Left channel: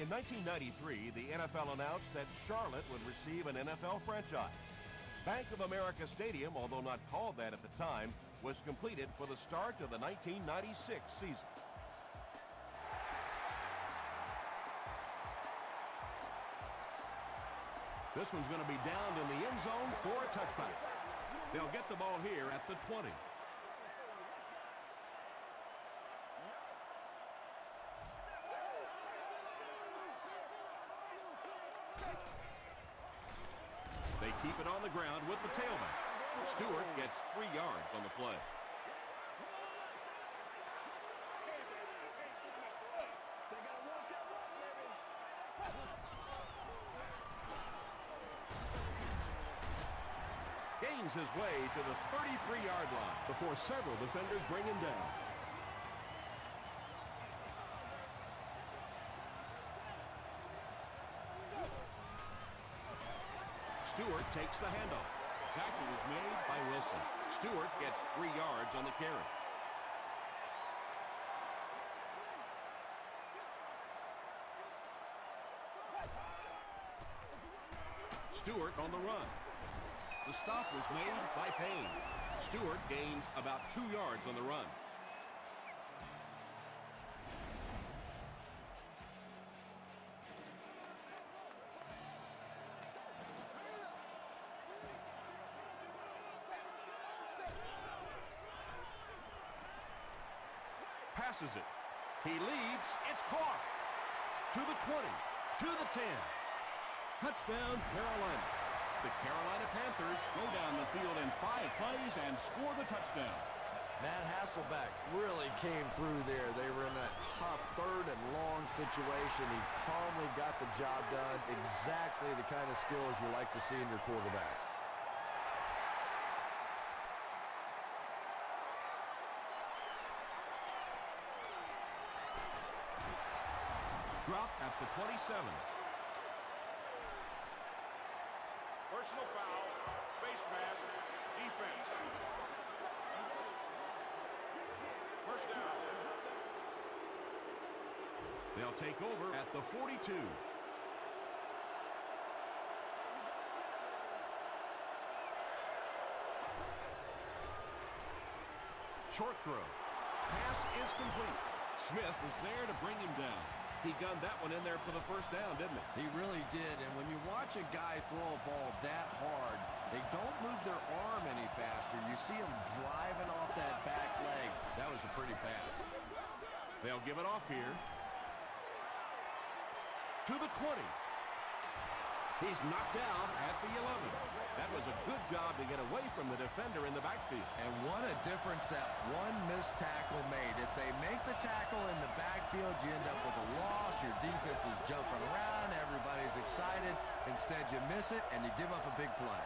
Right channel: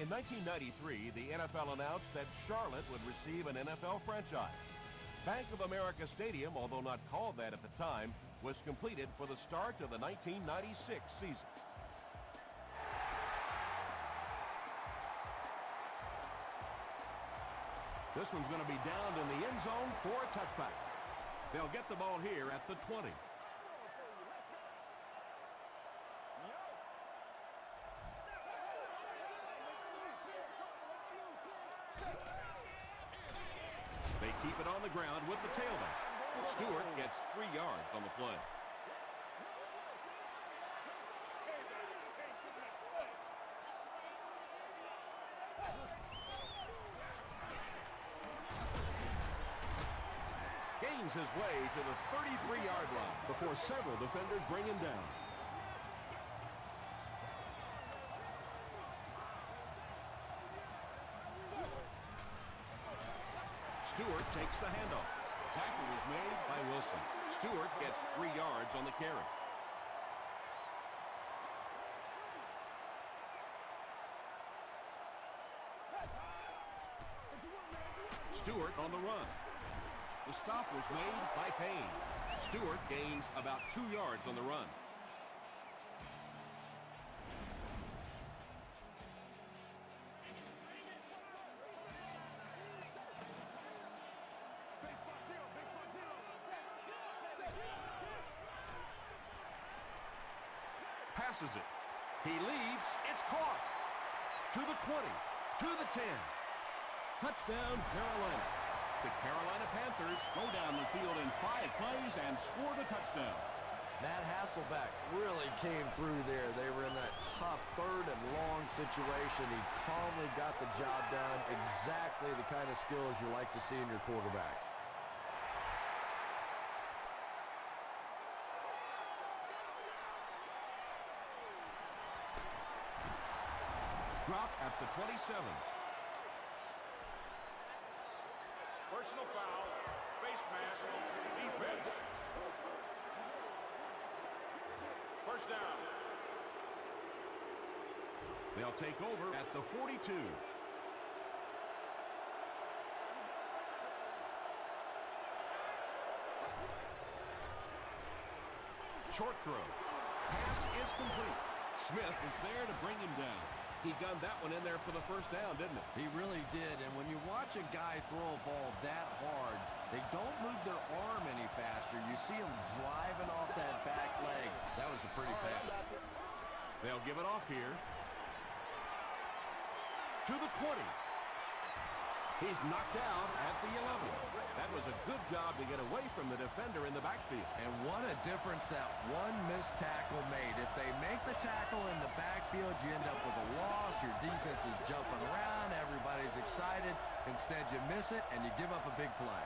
In 1993, the NFL announced that Charlotte would receive an NFL franchise. Bank of America Stadium, although not called that at the time, was completed for the start of the 1996 season. This one's going to be downed in the end zone for a touchback. They'll get the ball here at the 20. They keep it on the ground with the tailback. Stewart gets 3 yards on the play. Gains his way to the 33-yard line before several defenders bring him down. Stewart takes the handoff. Tackle is made by Wilson. Stewart gets 3 yards on the carry. Stewart on the run. The stop was made by Payne. Stewart gains about 2 yards on the run. Passes it. He leaps. It's caught. To the 20. To the 10. Touchdown, Carolina. The Carolina Panthers go down the field in 5 plays and score the touchdown. Matt Hasselbeck really came through there. They were in a tough 3rd and long situation. He calmly got the job done. Exactly the kind of skills you like to see in your quarterback. Drop at the 27. First down. They'll take over at the 42. Short throw. Pass is complete. Smith was there to bring him down. He gunned that one in there for the first down, didn't he? He really did, and when you watch a guy throw a ball that hard, they don't move their arm any faster. You see him driving off that back leg. That was a pretty pass. They'll give it off here. To the 20. He's knocked out at the 11. That was a good job to get away from the defender in the backfield. And what a difference that one missed tackle made. If they make the tackle in the backfield, you end up with a loss. Your defense is jumping around. Everybody's excited. Instead, you miss it, and you give up a big play.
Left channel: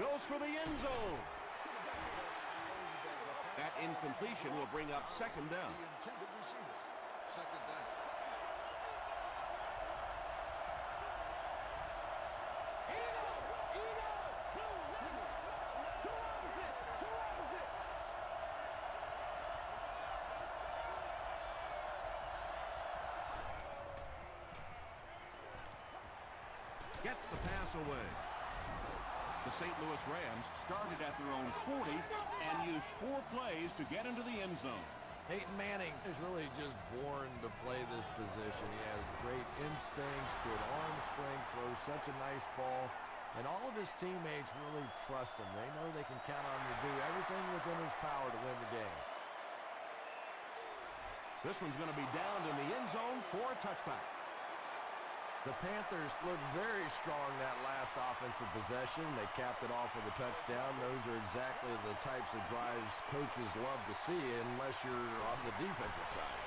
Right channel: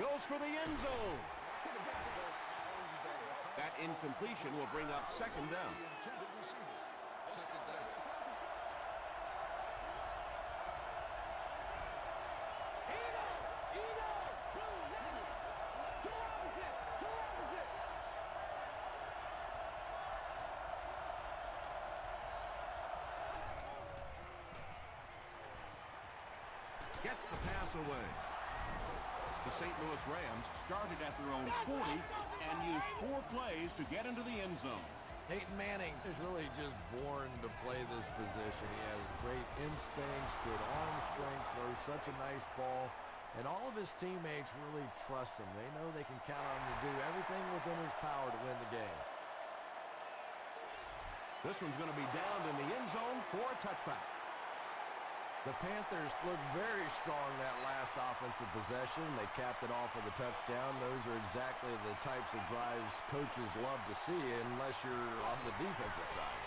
Goes for the end zone. That incompletion will bring up 2nd down. Gets the pass away. The St. Louis Rams started at their own 40 and used 4 plays to get into the end zone. Peyton Manning is really just born to play this position. He has great instincts, good arm strength, throws such a nice ball, and all of his teammates really trust him. They know they can count on him to do everything within his power to win the game. This one's going to be downed in the end zone for a touchback. The Panthers looked very strong that last offensive possession. They capped it off with a touchdown. Those are exactly the types of drives coaches love to see unless you're on the defensive side.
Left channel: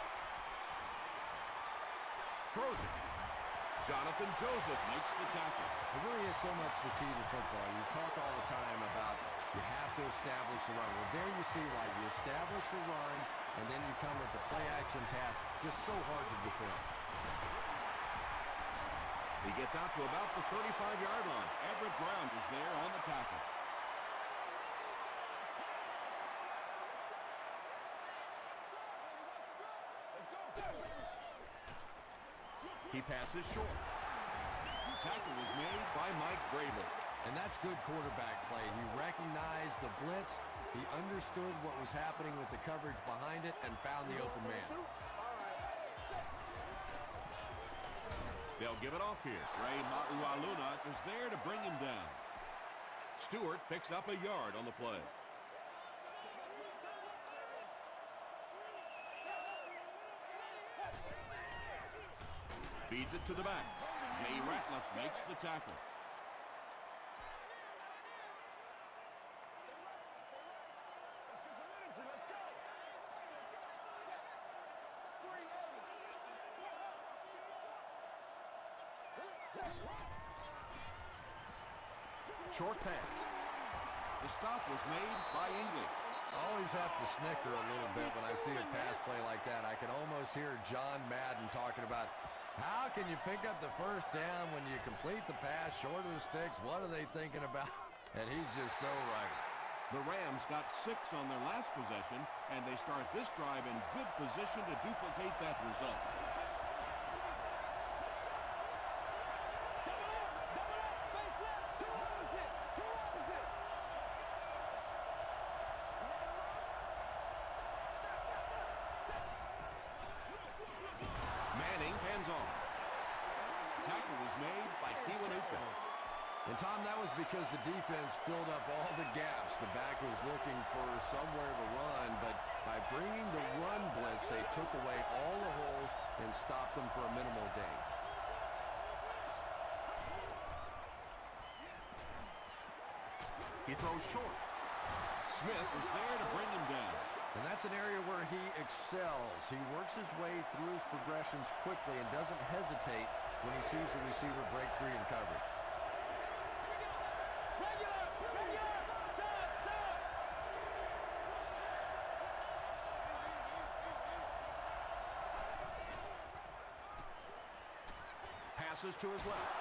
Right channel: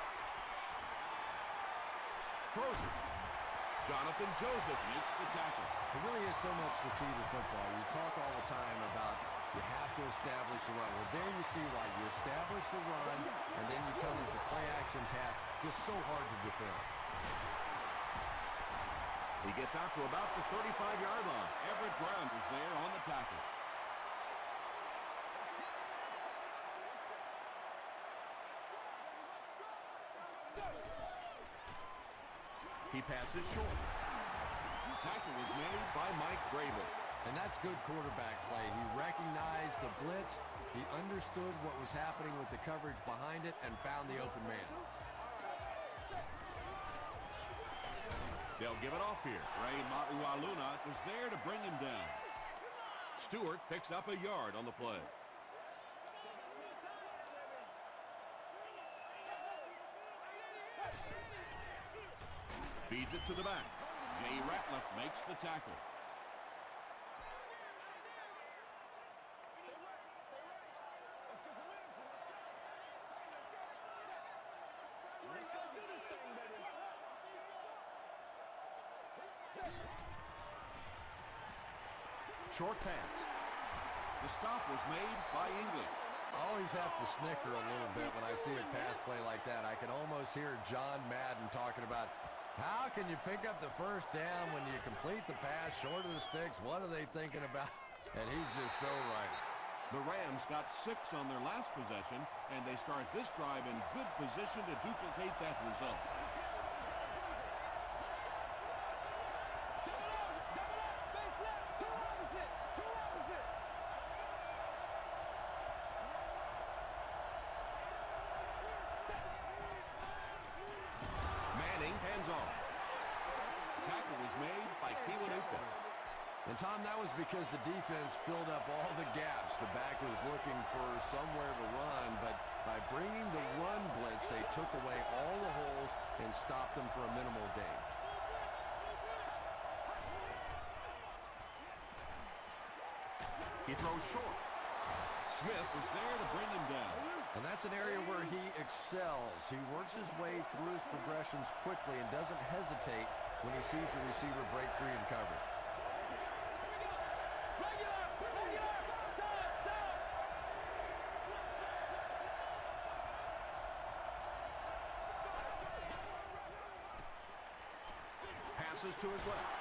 Throws it. Jonathan Joseph makes the tackle. It really is so much the key to football. You talk all the time about you have to establish the run. Well, there you see why you establish the run, and then you come with the play-action pass. Just so hard to defend. He gets out to about the 35-yard line. Everett Brown is there on the tackle. He passes short. Tackle was made by Mike Grable. And that's good quarterback play. He recognized the blitz. He understood what was happening with the coverage behind it and found the open man. They'll give it off here. Ray Maualuna was there to bring him down. Stewart picks up a yard on the play. Feeds it to the back. Jay Ratliff makes the tackle. Short pass. The stop was made by English. I always have to snicker a little bit when I see a pass play like that. I can almost hear John Madden talking about how can you pick up the first down when you complete the pass short of the sticks? What are they thinking about? And he's just so right. The Rams got 6 on their last possession, and they start this drive in good position to duplicate that result. Hands off. Tackle was made by Kiwanuka. And Tom, that was because the defense filled up all the gaps. The back was looking for somewhere to run, but by bringing the run blitz, they took away all the holes and stopped them for a minimal gain. He throws short. Smith was there to bring him down. And that's an area where he excels. He works his way through his progressions quickly and doesn't hesitate when he sees the receiver break free in coverage. Here we go. Regular, stop. Passes to his left.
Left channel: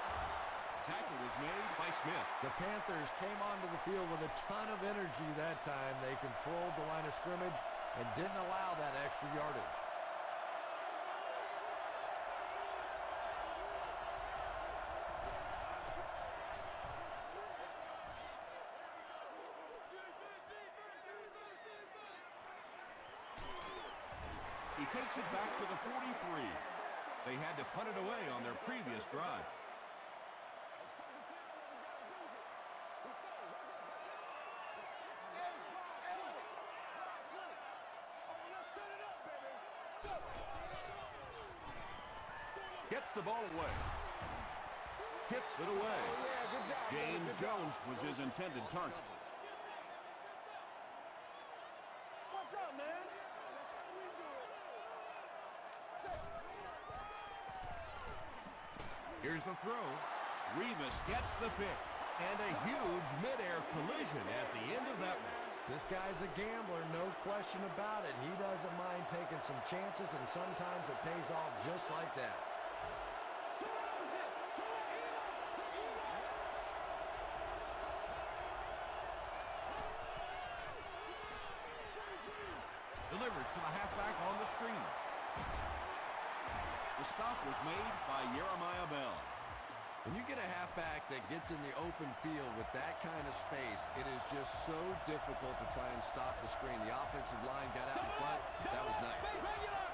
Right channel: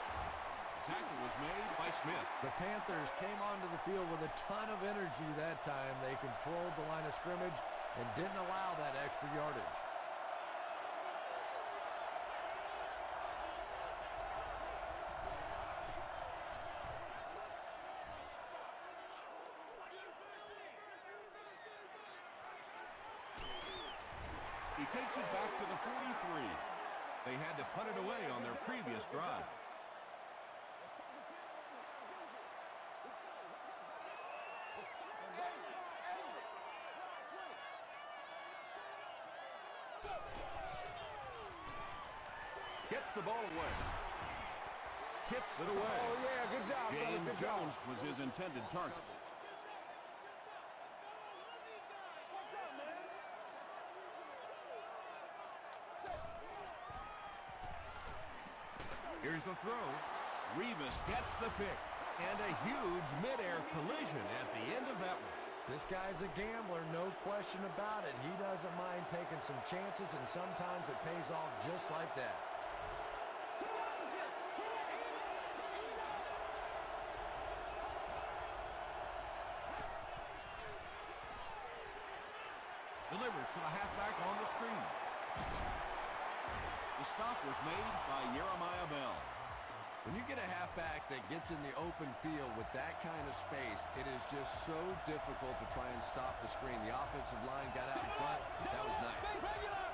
Tackle was made by Smith. The Panthers came onto the field with a ton of energy that time. They controlled the line of scrimmage and didn't allow that extra yardage. He takes it back to the 43. They had to punt it away on their previous drive. Gets the ball away. Tips it away. Oh, yeah, good job, brother. James Good Jones job. was his intended target. What's up, man? Here's the throw. Revis gets the pick. And a huge midair collision at the end of that one. This guy's a gambler, no question about it. He doesn't mind taking some chances, and sometimes it pays off just like that. Delivers to the halfback on the screen. The stop was made by Jeremiah Bell. When you get a halfback that gets in the open field with that kind of space, it is just so difficult to try and stop the screen. The offensive line got out in front. That was nice. Regular.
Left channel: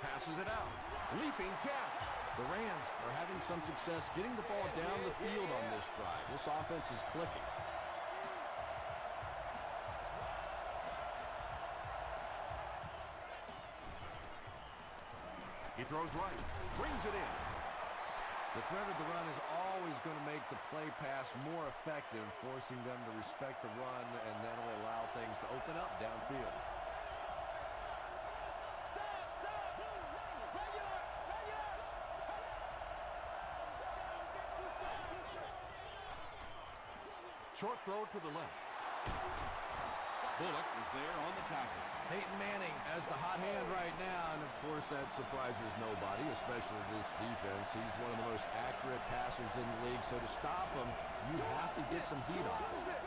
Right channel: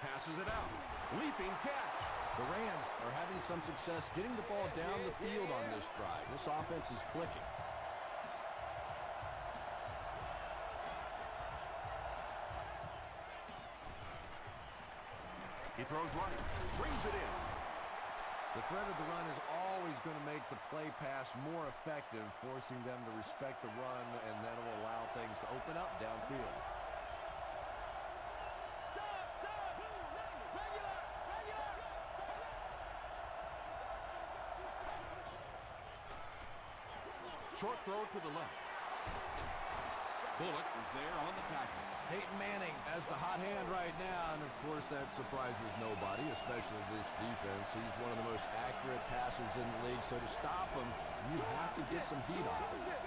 Passes it out. Leaping catch. The Rams are having some success getting the ball down the field on this drive. This offense is clicking. He throws right. Brings it in. The threat of the run is always going to make the play pass more effective, forcing them to respect the run, and that will allow things to open up downfield. Short throw to the left. Bullock was there on the tackle. Peyton Manning as the hot hand right now, and of course that surprises nobody, especially this defense. He's one of the most accurate passers in the league, so to stop him, you have to get some heat on him.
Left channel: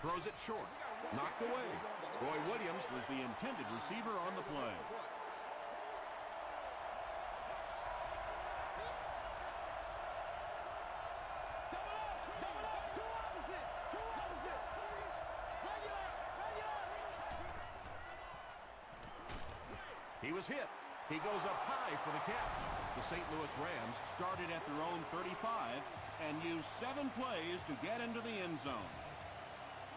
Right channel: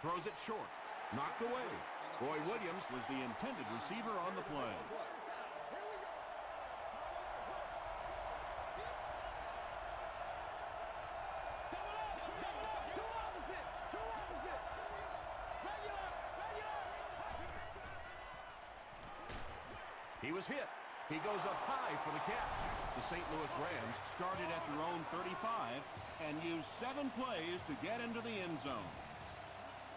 Throws it short. Knocked away. Roy Williams was the intended receiver on the play. Double up, two opposite. Regular. He was hit. He goes up high for the catch. The St. Louis Rams started at their own 35 and used 7 plays to get into the end zone.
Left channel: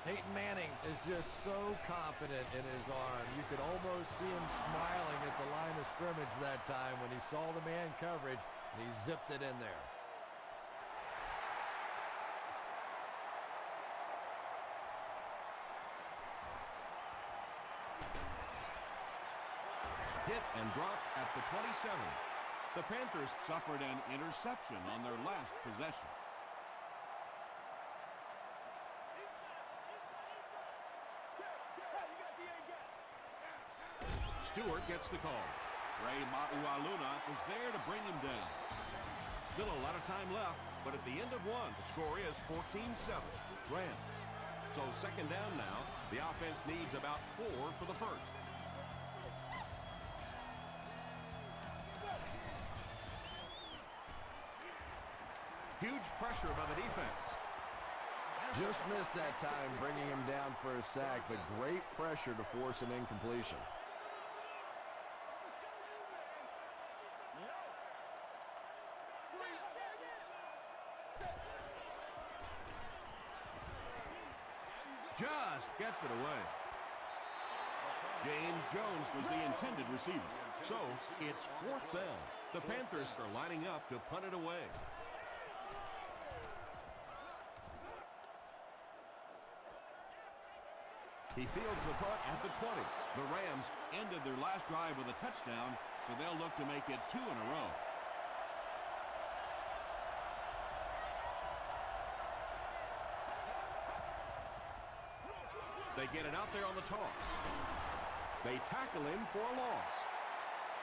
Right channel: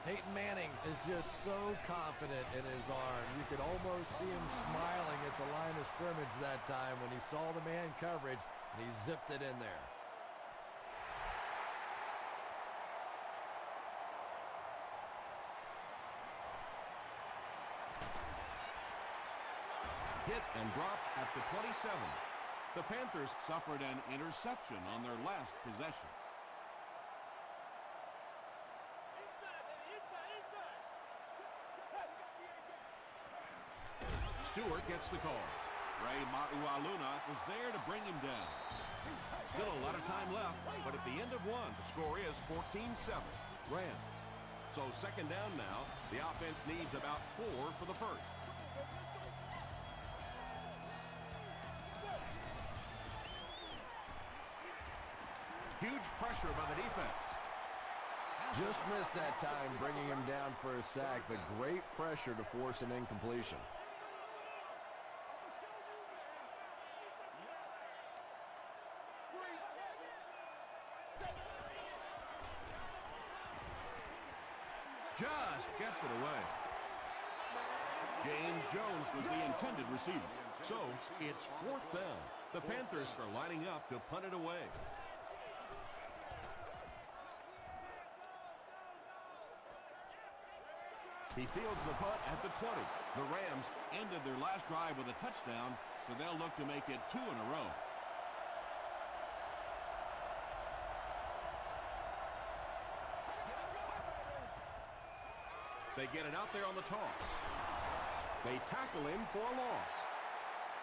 Peyton Manning is just so confident in his arm. You could almost see him smiling at the line of scrimmage that time when he saw the man coverage, and he zipped it in there. Hit and dropped at the 27. The Panthers suffered an interception on their last possession. Stewart gets the call. Ray Maualuna was there to bring him down. Still a lot of time left, but at the end of one, the score is 14-7. Rams. So second down now. The offense needs about 4 for the first. Huge pressure by the defense. Just missed that time, bringing him down for a sack, but great pressure to force an incompletion. Just gets it away. James Jones was the intended receiver. So it's 4th down. The Panthers are lining up to punt it away. He fields the punt at the 20. The Rams ended their last drive with a touchdown, so they'll look to make it 2 in a row. They get it out there on the toss. They tackle him for a loss.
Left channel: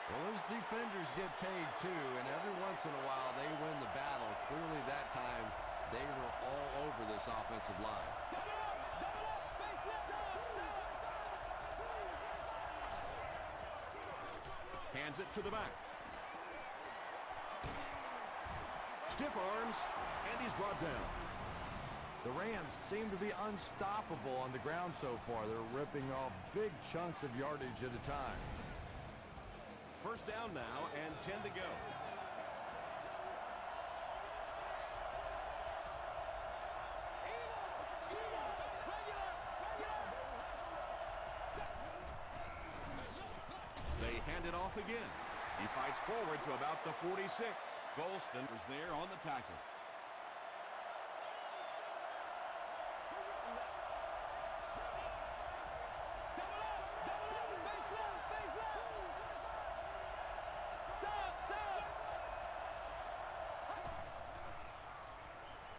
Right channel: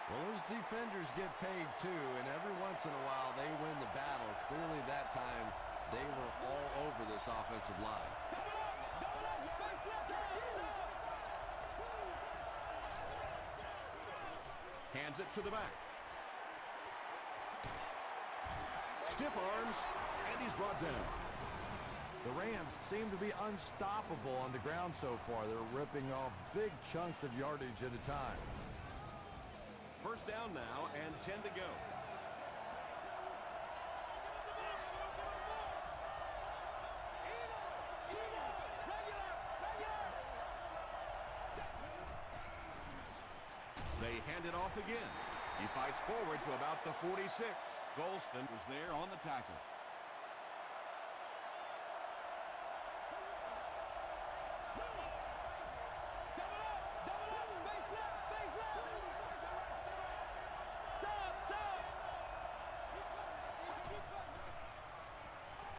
Well, those defenders get paid too, and every once in a while they win the battle. Clearly that time they were all over this offensive line. Hands it to the back. Stiff arms, and he's brought down. The Rams seem to be unstoppable on the ground so far. They're ripping off big chunks of yardage at a time. First down now and 10 to go. They hand it off again. He fights forward to about the 46. Golston was there on the tackle.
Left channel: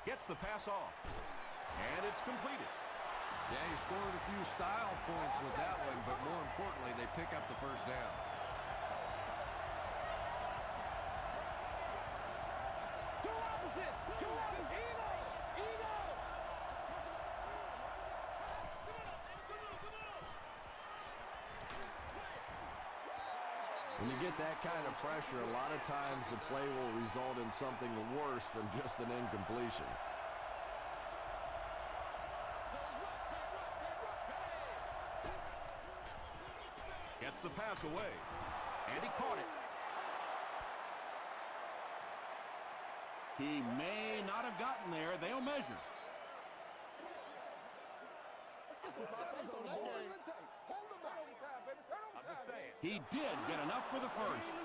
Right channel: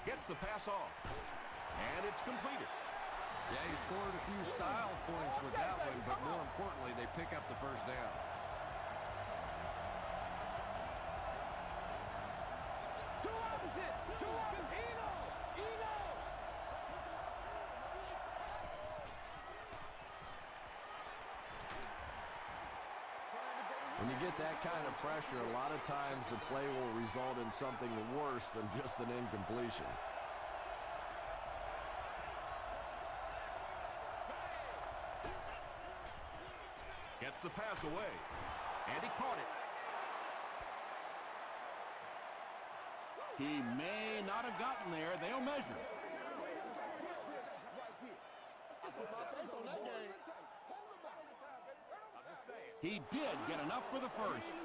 Gets the pass off. And it's completed. Yeah, he scored a few style points with that one, but more importantly, they pick up the first down. Two opposite. Eno. When you get that kind of pressure, a lot of times the play will result in something worse than just an incompletion. Gets the pass away. And he caught it. He may not have gotten there. They'll measure. Let's get my face on that game. He did get enough for the first.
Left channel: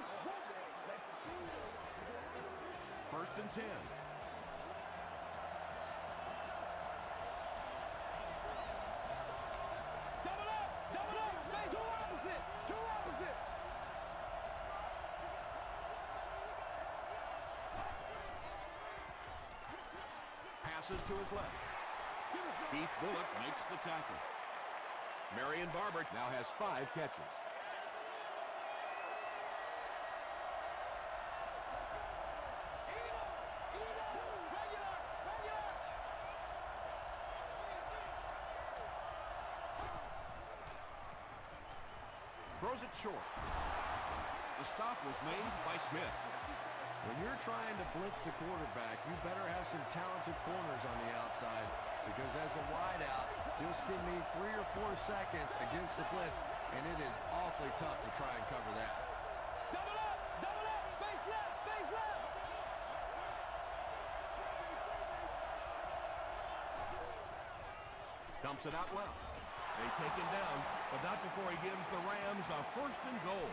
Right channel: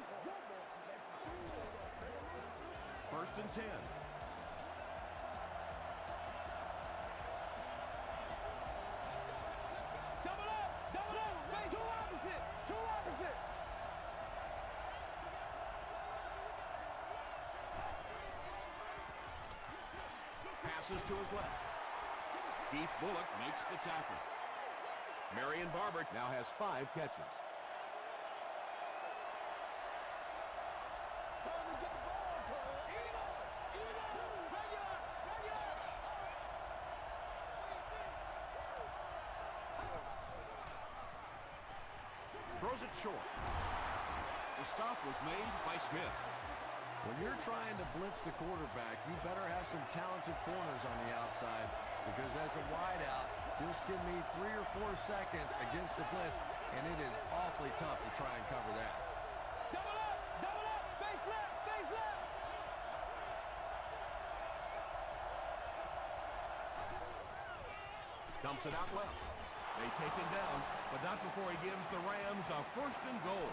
First and 10. Double up. Two opposite. Passes to his left. Keith Bullock makes the tackle. Marion Barber now has 5 catches. it short. The stop was made by Smith. When you're trying to blitz the quarterback, you better have some talented corners on the outside, because as a wideout, just give me 3 or 4 seconds against the blitz, and it is awfully tough to try and cover that. Double up, face left, face left. Dumps it out well. They take him down, but not before he gives the Rams a 1st and goal.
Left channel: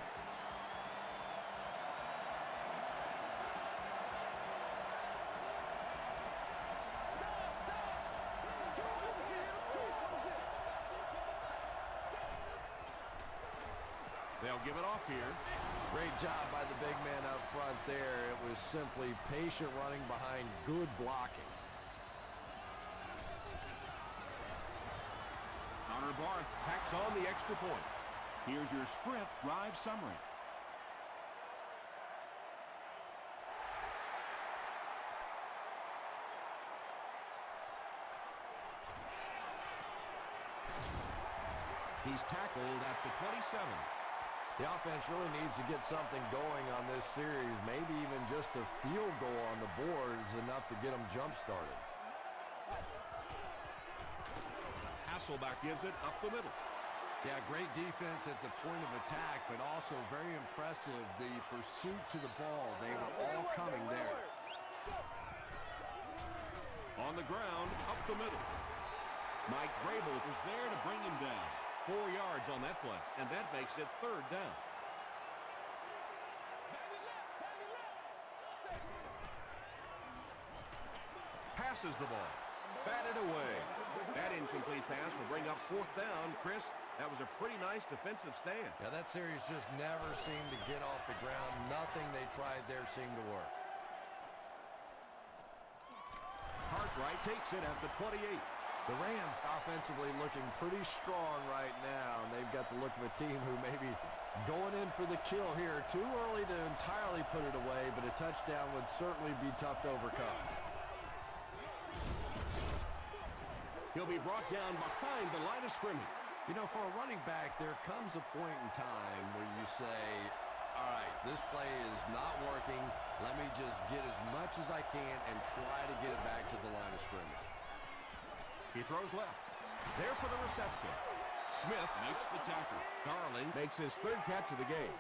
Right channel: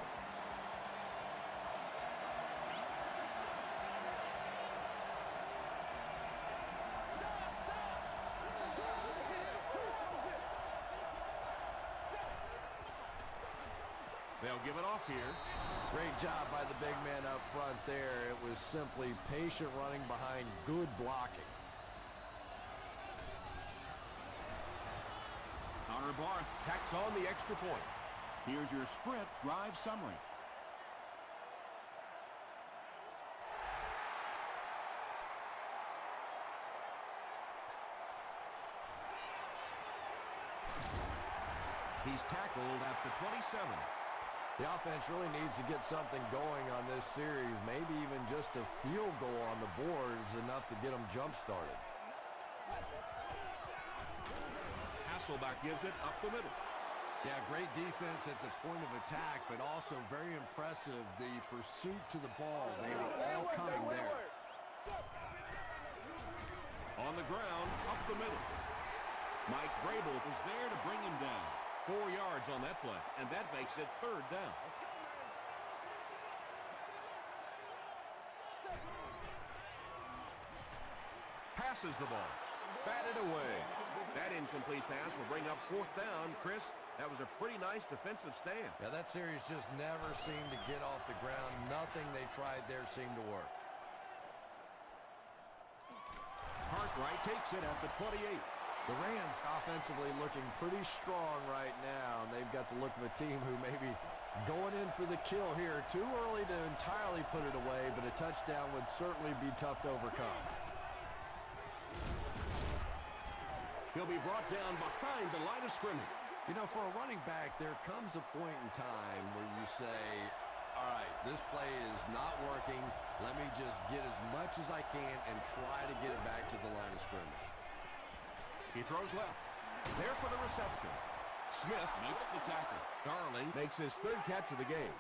They'll give it off here. Great job by the big man up front there. It was simply patient running behind good blocking. Connor Barth tacks on the extra point. Here's your sprint drive summary. He's tackled at the 27. The offense really needs to get something going on this series. Maybe even just a field goal on the board is enough to get them jump-started. Hasselbeck gives it up the middle. Yeah, great defense at the point of attack, but also very impressive the pursuit to the ball. They were all coming there. On the ground, up the middle. Mike Vrabel was there to bring him down. 4 yards on that play, and that makes it 3rd down. Passes the ball. Batted away. That incomplete pass will bring up 4th down. Chris, that was a pretty nice defensive stand. Yeah, that series just never seemed to get off the ground. Nothing they tried there seemed to work. Cartwright takes it at the 28. The Rams offensively looking pretty strong right now. They've got the look of a team who may be going in for the kill here. Too early to entirely put it away, but a touchdown would certainly be tough to overcome. He'll be brought down behind the line of scrimmage. You know, for a running back, there comes a point in time where you say, all right, this play is not working. Let me just get as much as I can and try to get it back to the line of scrimmage. He throws left. There for the reception. Smith makes the tackle. Darling makes his 3rd catch of the game.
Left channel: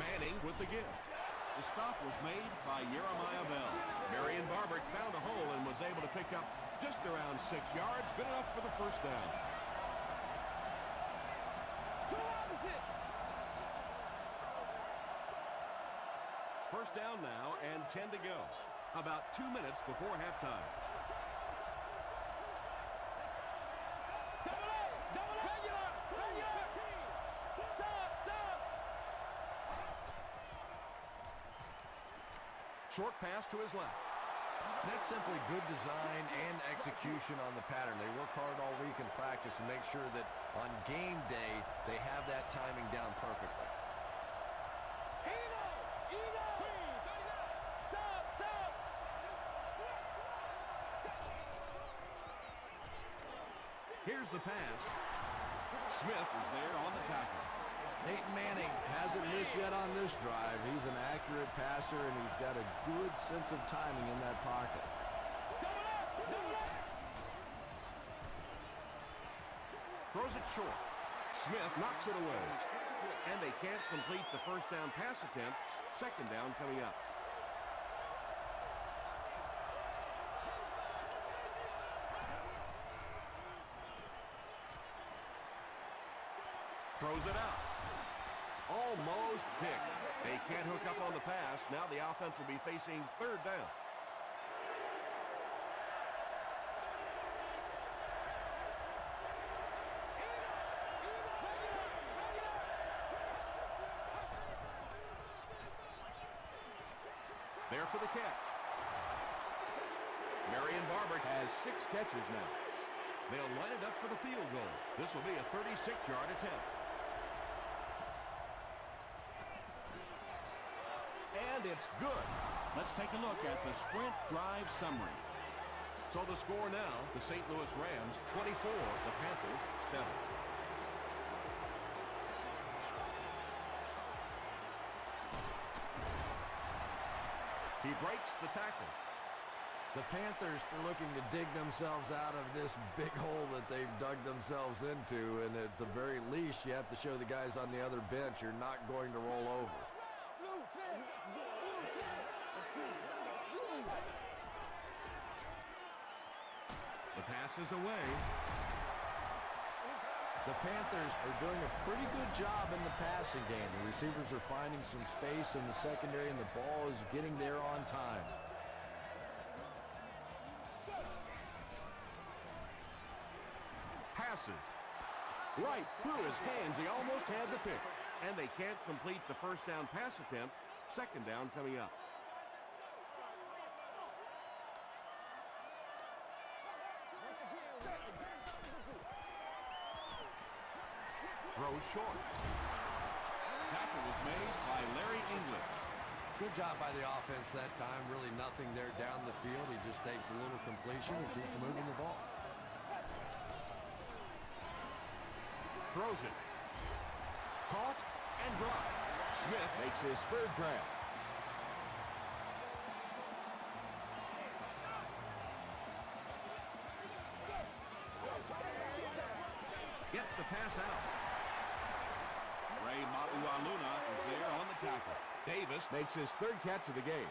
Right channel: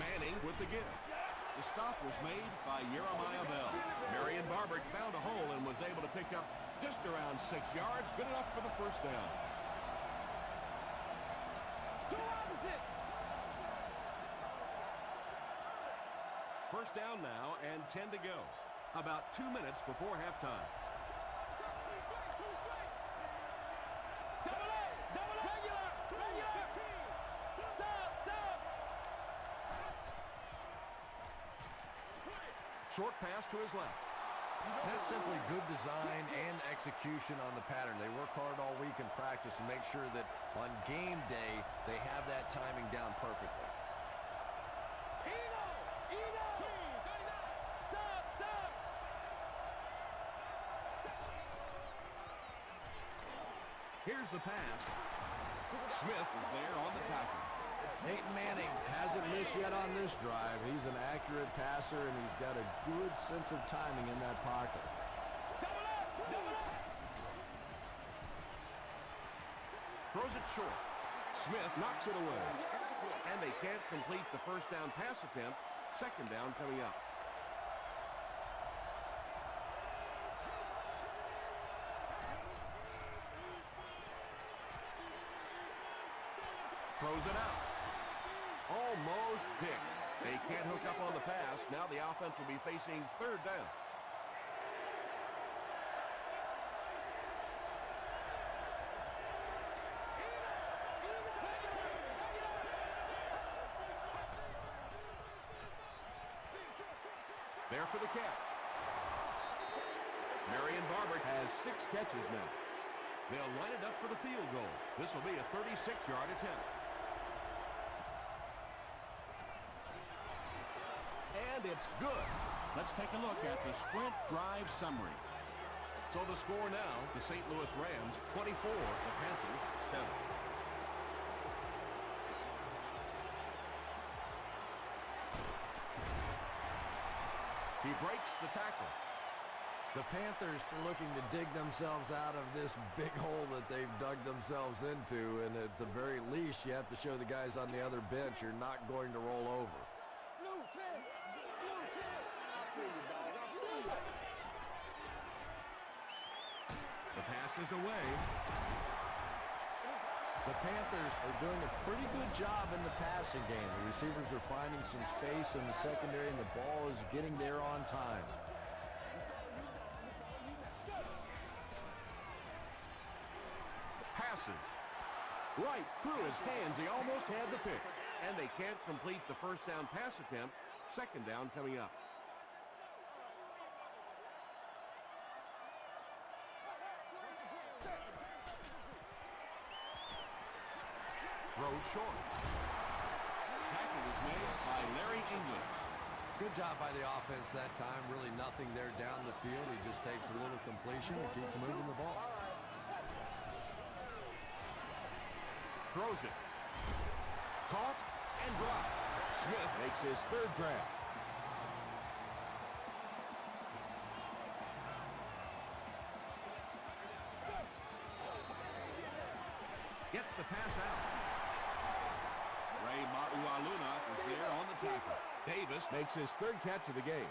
Manning with the give. The stop was made by Jeremiah Bell. Marion Barber found a hole and was able to pick up just around 6 yards. Good enough for the 1st down. Two opposites. 1st down now and 10 to go. About 2 minutes before halftime. Double up, regular. Sub. Short pass to his left. That's simply good design and execution on the pattern. They work hard all week in practice and make sure that on game day they have that timing down perfectly. Eagle. 39. Sub. Here's the pass. Smith is there on the tackle. Peyton Manning hasn't missed yet on this drive. He's an accurate passer, and he's got a good sense of timing in that pocket. Double up. Throws it short. Smith knocks it away. And they can't complete the 1st down pass attempt. 2nd down coming up. Throws it out. Almost picked. They can't hook up on the pass. Now the offense will be facing 3rd down. There for the catch. Marion Barber has 6 catches now. They'll line it up for the field goal. This will be a 36-yard attempt. And it's good. Let's take a look at the sprint drive summary. So the score now, the St. Louis Rams 24, the Panthers 7. He breaks the tackle. The Panthers are looking to dig themselves out of this big hole that they've dug themselves into, and at the very least, you have to show the guys on the other bench you're not going to roll over. Blue 10. Blue 10. The pass is away. The Panthers are doing a pretty good job in the passing game. The receivers are finding some space in the secondary, and the ball is getting there on time. Passes. Right through his hands. He almost had the pick. And they can't complete the first down pass attempt. Second down coming up. Throws short. Tackle was made by Larry English. Good job by the offense that time. Really nothing there down the field. He just takes a little completion and keeps moving the ball. Throws it. Caught and dropped. Smith makes his third grab. Gets the pass out. Ray Mauialuna is there on the tackle. Davis makes his third catch of the game.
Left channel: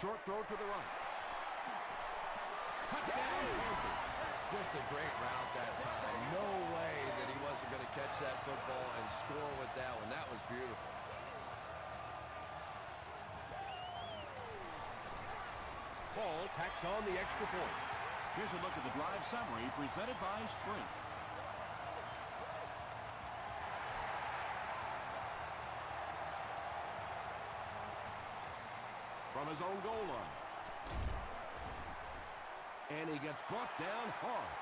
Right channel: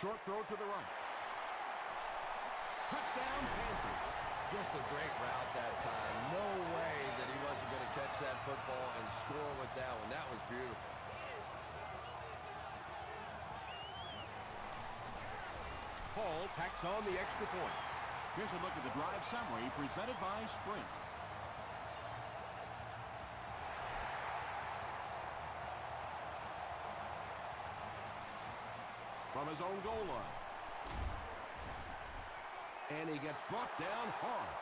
Short throw to the right. Touchdown, Panthers. Just a great route that time. No way that he wasn't going to catch that football and score with that one. That was beautiful. Paul tacks on the extra point. Here's a look at the drive summary presented by Sprint. From his own goal line. And he gets brought down hard.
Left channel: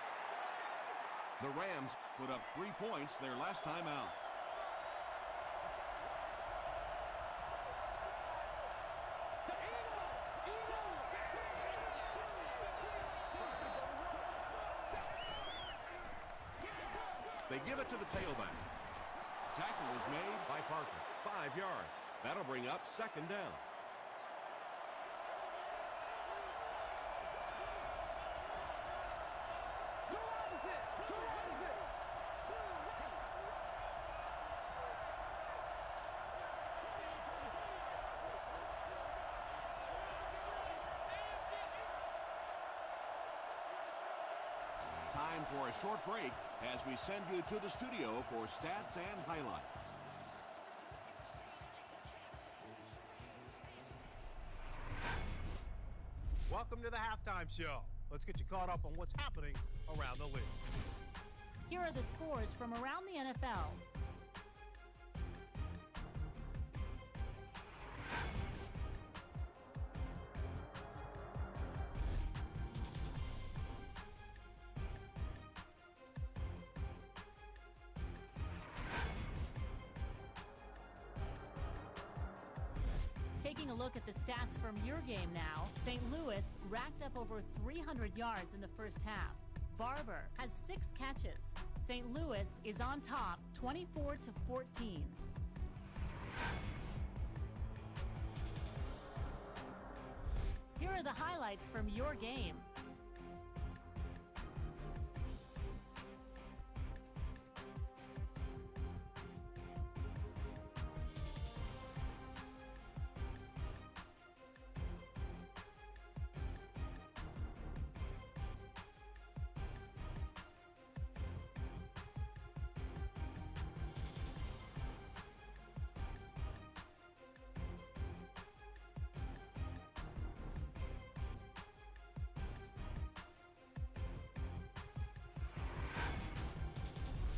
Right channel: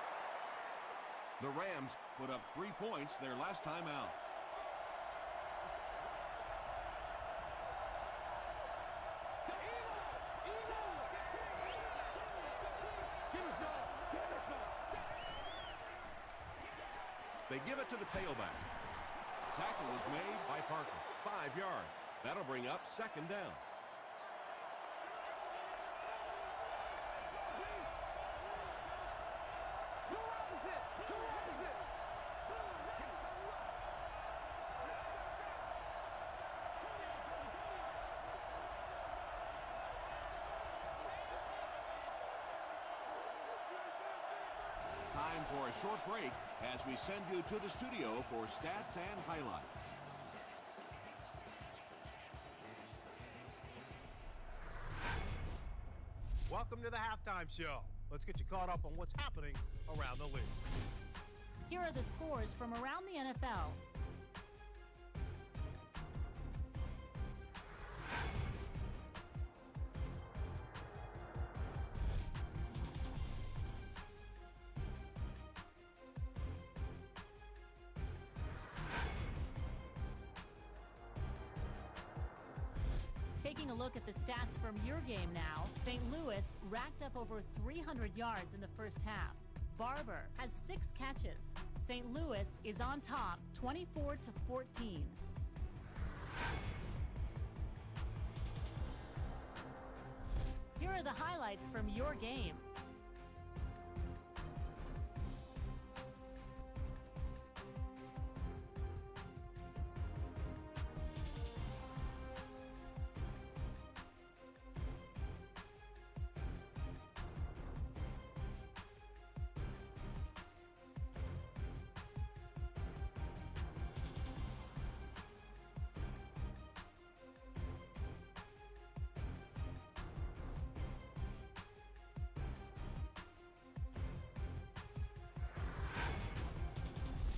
The Rams put up 3 points their last time out. They give it to the tailback. Tackle was made by Parker. 5 yards. That'll bring up second down. Time for a short break as we send you to the studio for stats and highlights. Welcome to the halftime show. Let's get you caught up on what's happening around the league. Here are the scores from around the NFL. Taking a look at the stats from your game now, St. Louis racked up over 300 yards in the first half. Barber has 6 catches. St. Louis is on top, 24-14. Here are the highlights from your game.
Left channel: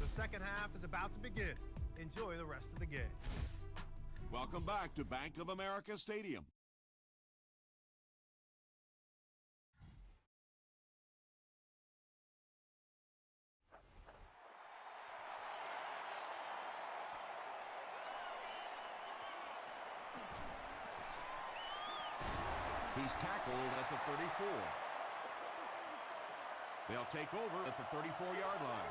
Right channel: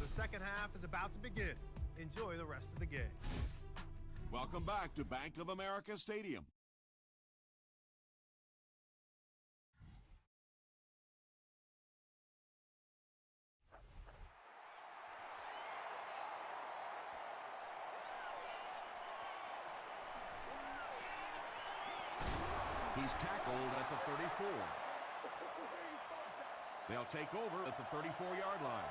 The second half is about to begin. Enjoy the rest of the game. Welcome back to Bank of America Stadium. He's tackled at the 34. They'll take over at the 34-yard line.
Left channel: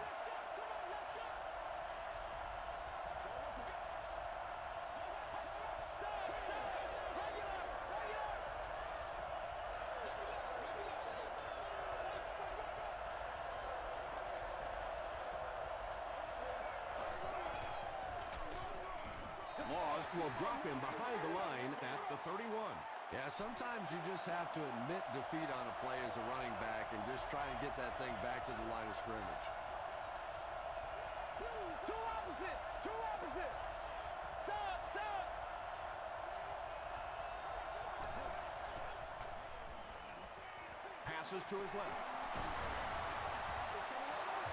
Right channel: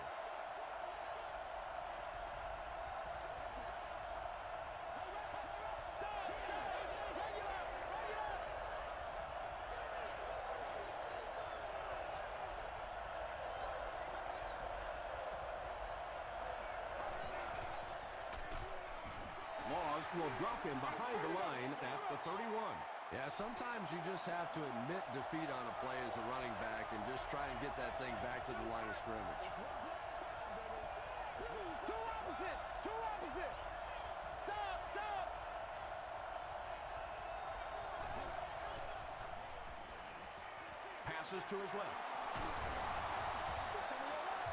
Laws will drop him behind the line at the 31. Yeah, sometimes you just have to admit defeat on a play as a running back and just try and get that thing back to the line of scrimmage. Two opposite! Two opposite! Stop! Stop! Passes to his left.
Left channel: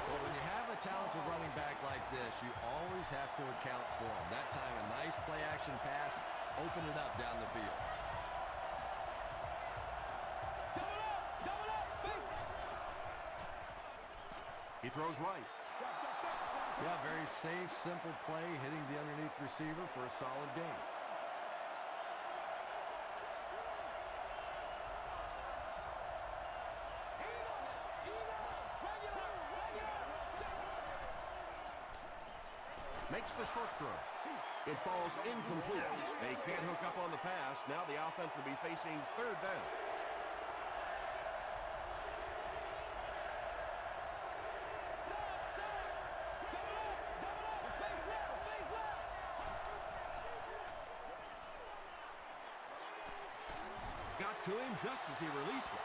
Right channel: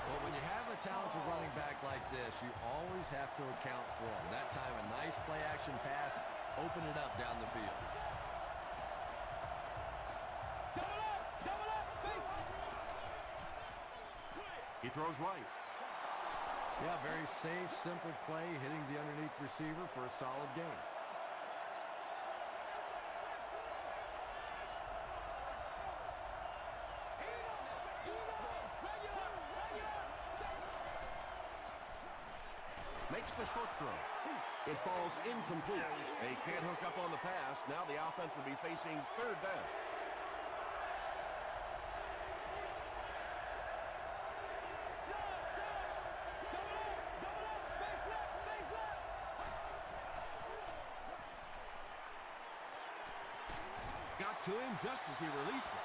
Well, when you have a talented running back like this, you always have to account for him. That time, a nice play-action pass, open it up down the field. Double up! Double up! Base! He throws right. Yeah, very safe, simple play, hitting the underneath receiver for a solid gain. Makes the short throw. It falls incomplete. They can't hook up on the pass. Now the offense will be facing third down. Double up! Double up! Face left! Face left! Got to him just as he released it.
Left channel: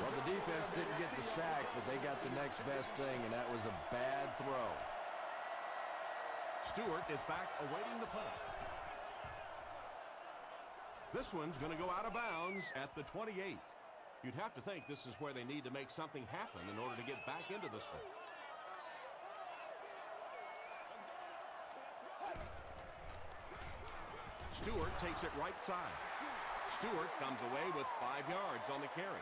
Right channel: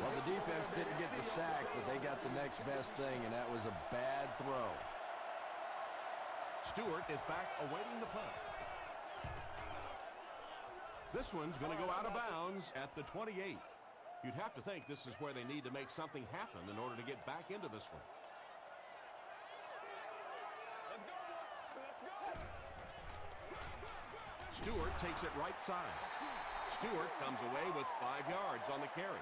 Well, the defense didn't get the sack, but they got the next best thing, and that was a bad throw. Stewart is back awaiting the punt. This one's going to go out of bounds at the 28. You'd have to think this is where they need to make something happen in order to get back into this one. Stewart takes it right side. Stewart comes away with 5 yards on the carry.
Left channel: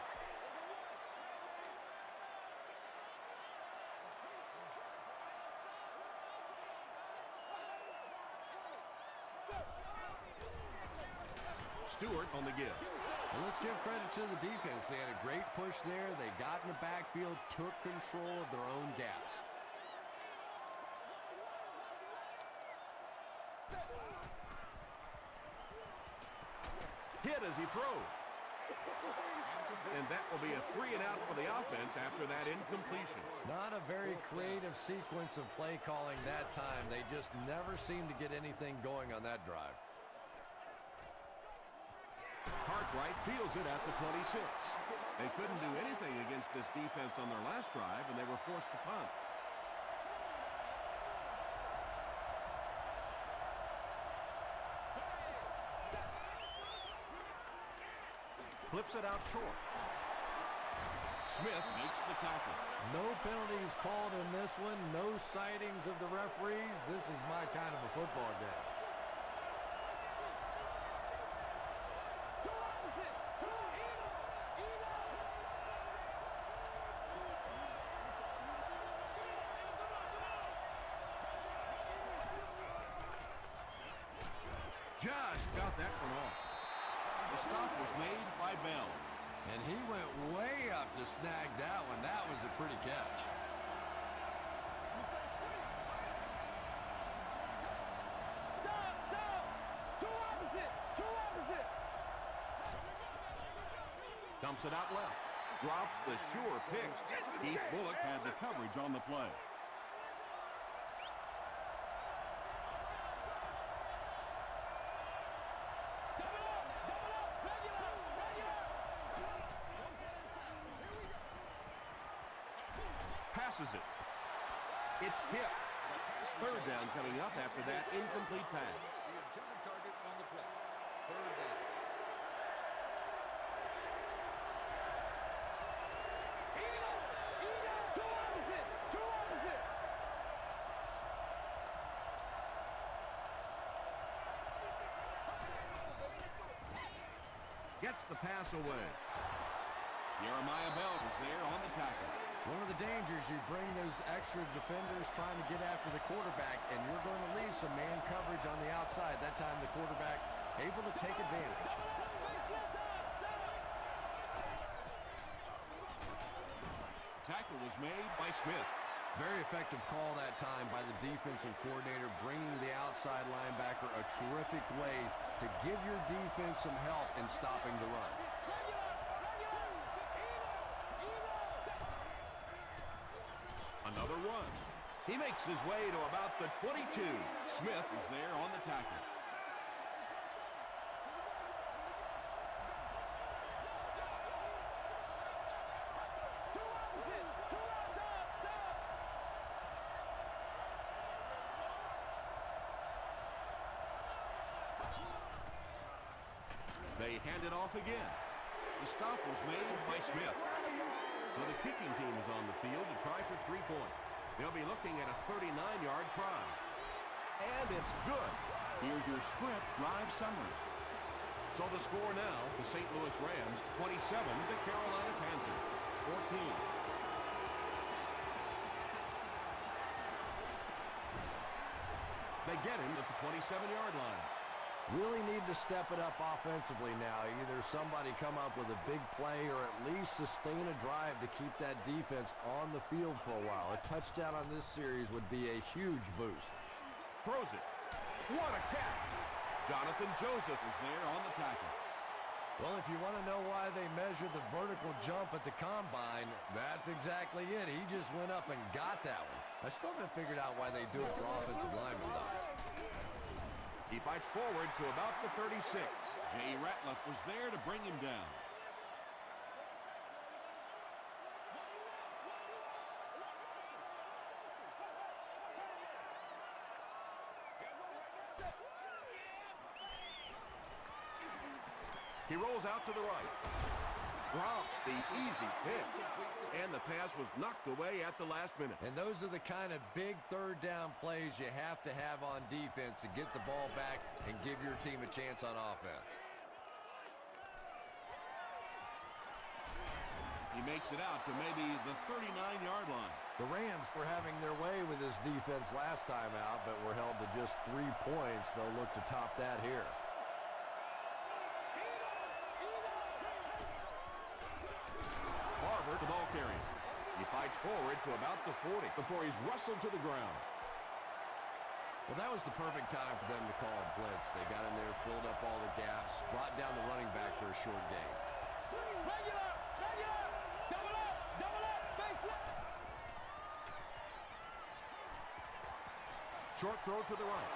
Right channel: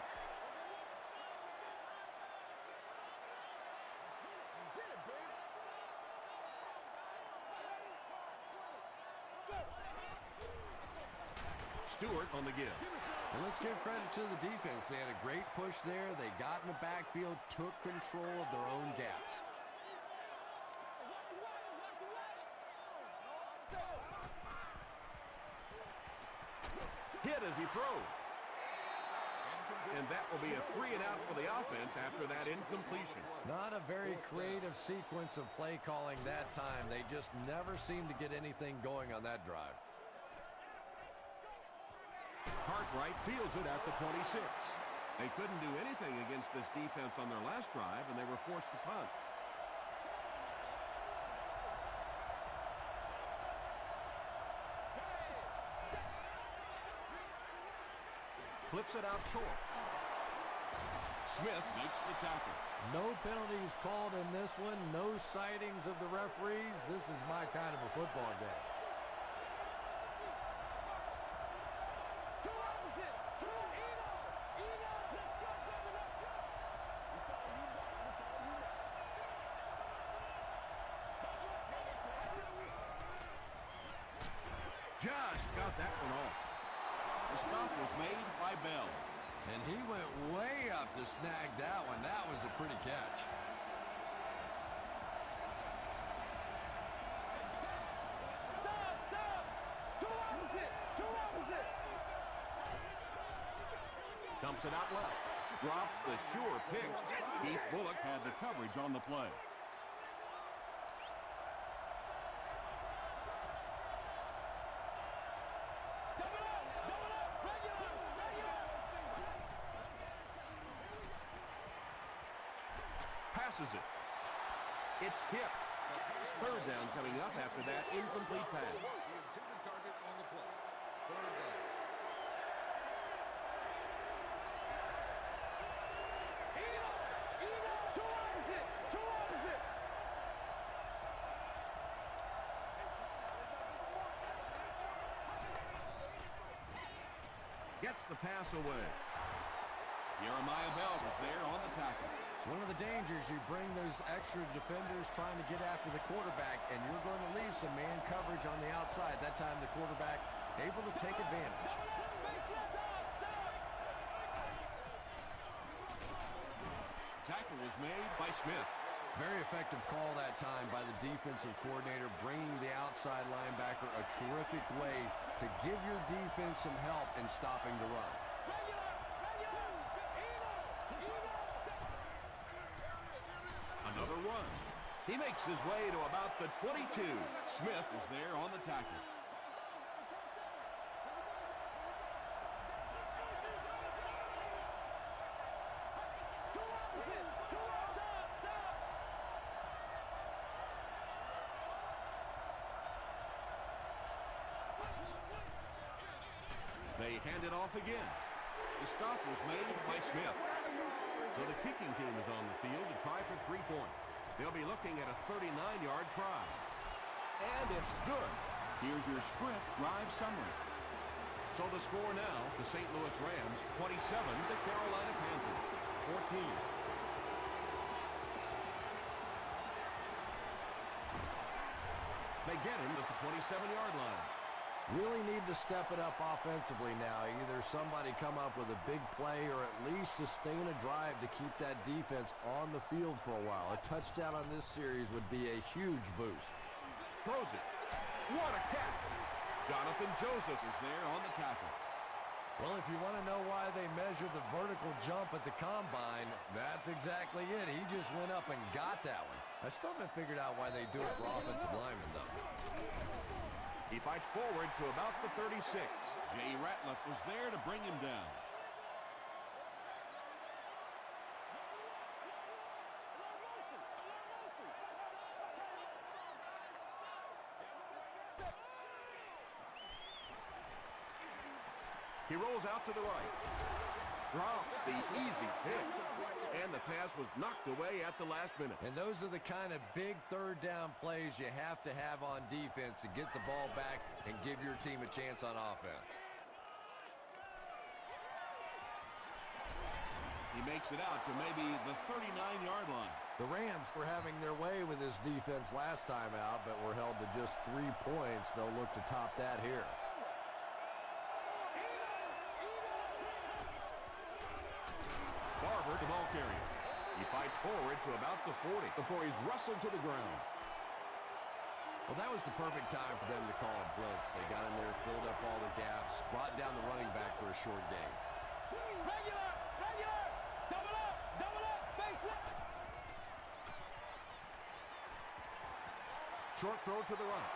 Stewart on the give. And let's give credit to the defense. They had a great push there. They got in the backfield, took control of their own gaps. Hit as he throws. And that will be a 3 and out for the offense after that incompletion. Not a very creative sequence of play calling that time. They just never seemed to get anything going on that drive. Cartwright fields it at the 26. They couldn't do anything against this defense on their last drive, and they were forced to punt. Flips it out short. Smith makes the tackle. No penalties called in this one. No sightings of the referees. This is my kind of a football game. Two opposite! Two! Eno! Eno! Let's go, baby, let's go! Just got that one off. The stop was made by Bell. And he went way up to snag that one. That was a pretty catch. Stop! Stop! Two opposite! Two opposite! Dumps it out left. Drops the sure pick. Keith Bullock had the coverage on the play. Double up! Double up! Regular! Regular! Passes it. It's tipped. Third down coming up after that incomplete pass. The intended target on the play. Third down. Eno! Eno! Two opposite! Two opposite! Gets the pass away. Jeremiah Bell was there on the tackle. It's one of the dangers. You bring those extra defenders trying to get after the quarterback, and you're going to leave some man coverage on the outside. That time the quarterback able to take advantage. Double up! Face left up! tackle was made by Smith. Very effective call that time by the defensive coordinator, bringing the outside linebacker a terrific way to give your defense some help in stopping the run. Another run. He makes his way to about the 22. Smith is there on the tackle. They hand it off again. The stop was made by Smith. So the kicking team is on the field to try for 3 points. They'll be looking at a 39-yard try. And it's good. Here's your sprint drive summary. So the score now, the St. Louis Rams 27, the Carolina Panthers 14. They get him at the 27-yard line. Really need to step it up offensively now. Either somebody come up with a big play or at least sustain a drive to keep that defense on the field for a while. A touchdown on this series would be a huge boost. Throws it. What a catch! Jonathan Joseph is there on the tackle. Well, if you want to know why they measure the vertical jump at the combine, that's exactly it. He just went up and got that one. I still haven't figured out why they do it for offensive linemen, though. He fights forward to about the 36. Jay Ratliff was there to bring him down. He rolls out to the right. Drops the easy hit. And the pass was knocked away at the last minute. And those are the kind of big third down plays you have to have on defense to get the ball back and give your team a chance on offense. He makes it out to maybe the 39-yard line. The Rams were having their way with this defense last time out, but were held to just 3 points. They'll look to top that here. Barber, the ball carrier. He fights forward to about the 40 before he's wrestled to the ground. Well, that was the perfect time for them to call a blitz. They got in there, filled up all the gaps, brought down the running back for a short gain. Regular, double up, face left. Short throw to the right.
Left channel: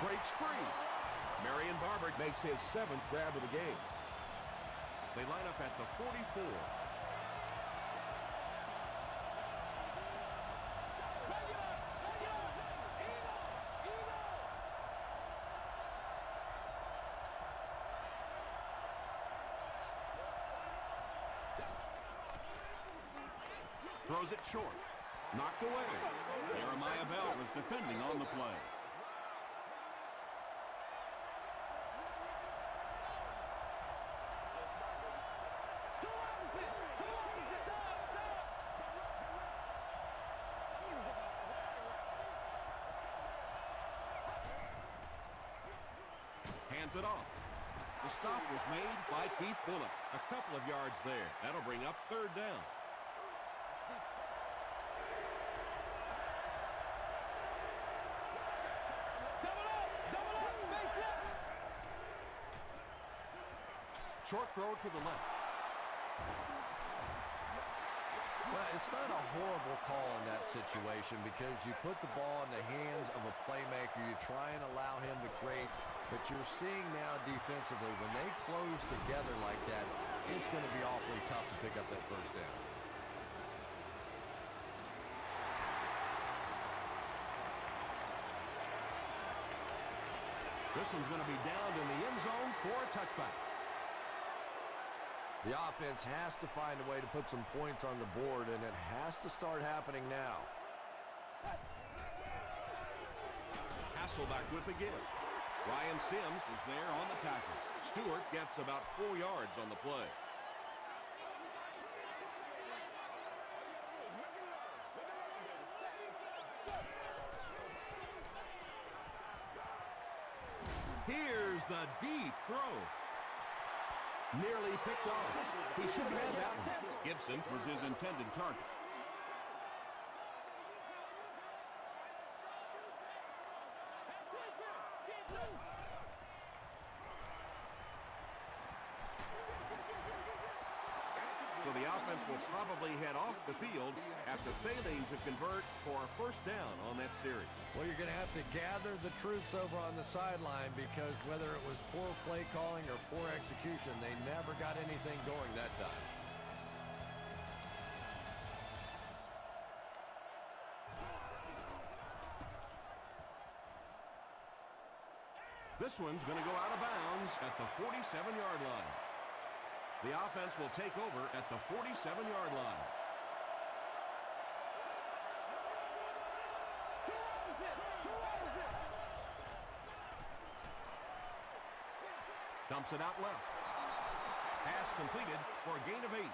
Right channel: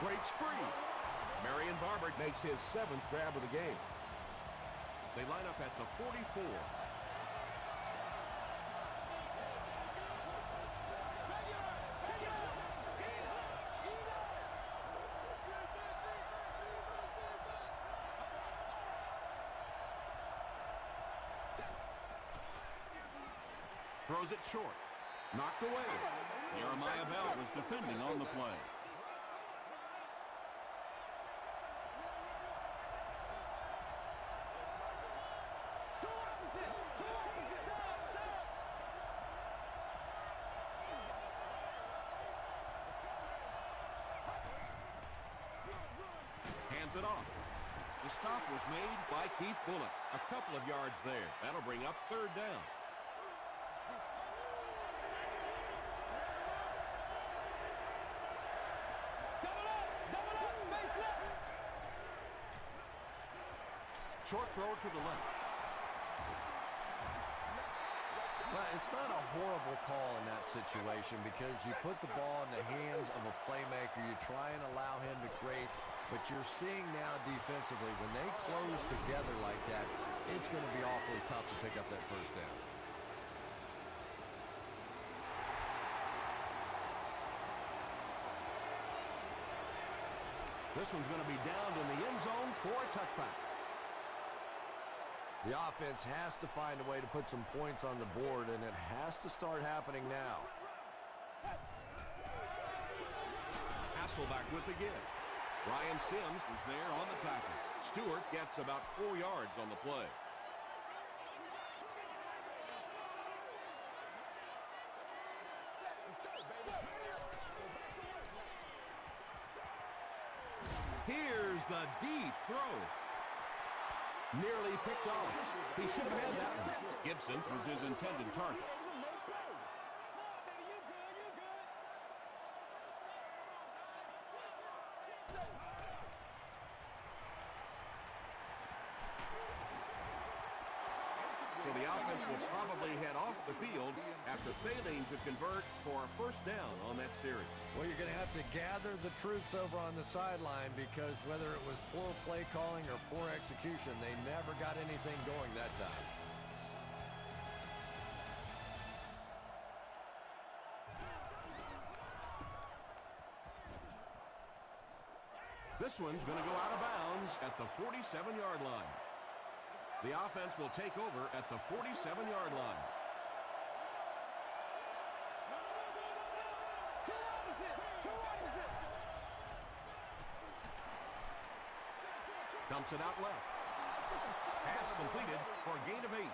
Breaks free. Marion Barber makes his 7th grab of the game. They line up at the 44. Throws it short. Knocked away. Jeremiah Bell was defending on the play. Hands it off. The stop was made by Keith Bullock. A couple of yards there. That'll bring up 3rd down. Double up, face left. Short throw to the left. Well, it's not a horrible call in that situation because you put the ball in the hands of a playmaker. You try and allow him to create, but you're seeing now defensively, when they close together like that, it's going to be awfully tough to pick up that 1st down. This one's going to be down in the end zone for a touchback. The offense has to find a way to put some points on the board, and it has to start happening now. Hasselback with again. Ryan Sims is there on the tackle. Stewart gets about 4 yards on the play. Here's the deep throw. Nearly picked off. He should have had that one. Gibson was his intended target. So the offense will probably head off the field after failing to convert for a first down on that series. Well, you're going to have to gather the troops over on the sideline because whether it was poor play calling or poor execution, they never got anything going that time. This one's going to go out of bounds at the 47-yard line. The offense will take over at the 47-yard line. Two opposite. Dumps it out left. Pass completed for a gain of 8.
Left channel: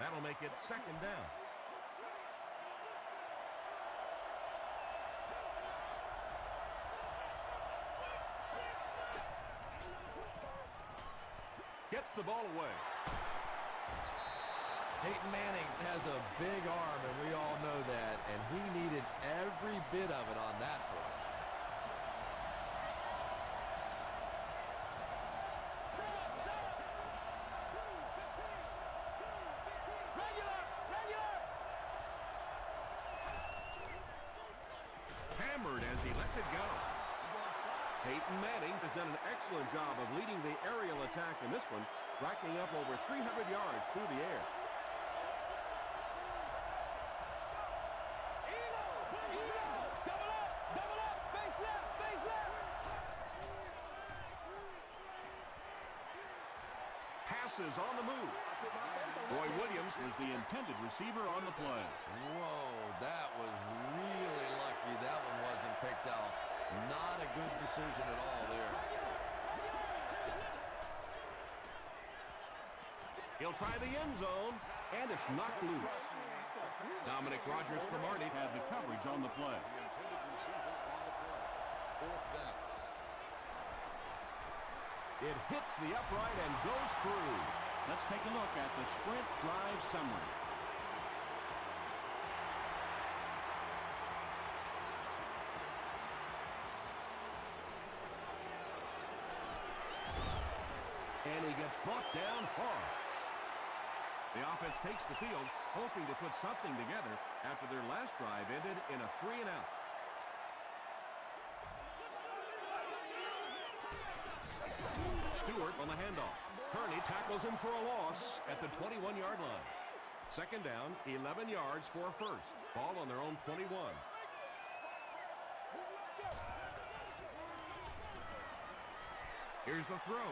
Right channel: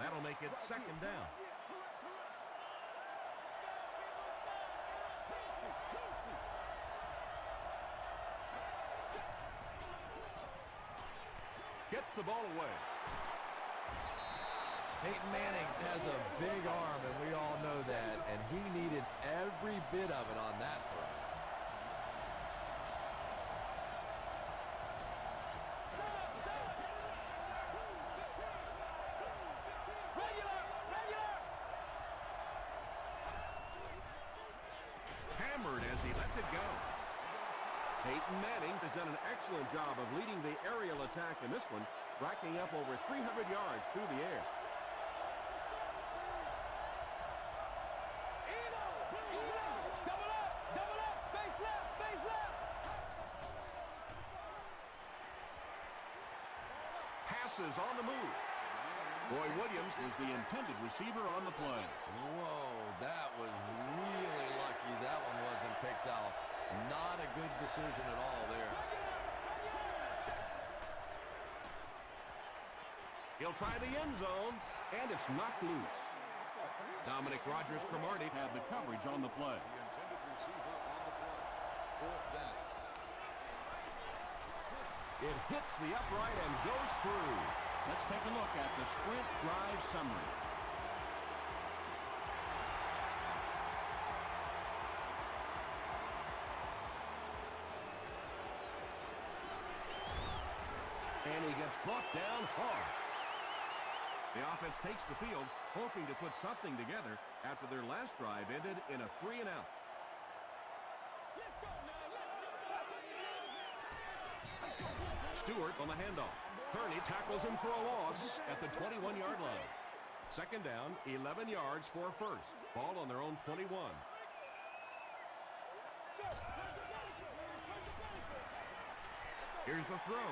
That'll make it second down. Gets the ball away. Peyton Manning has a big arm, and we all know that, and he needed every bit of it on that throw. Regular. Hammered as he lets it go. Peyton Manning has done an excellent job of leading the aerial attack in this one, racking up over 300 yards through the air. Eagle. Double up. Face left. Passes on the move. Roy Williams was the intended receiver on the play. Whoa, that was really lucky that one wasn't picked off. Not a good decision at all there. He'll try the end zone, and it's knocked loose. Dominic Rodgers-Cromartie had the coverage on the play. The intended receiver on the play. Fourth down. It hits the upright and goes through. Let's take a look at the sprint drive summary. And he gets brought down hard. The offense takes the field, hoping to put something together after their last drive ended in a 3-and-out. Stewart on the handoff. Kearney tackles him for a loss at the 21-yard line. Second down, 11 yards for a first. Ball on their own 21. Here's the throw.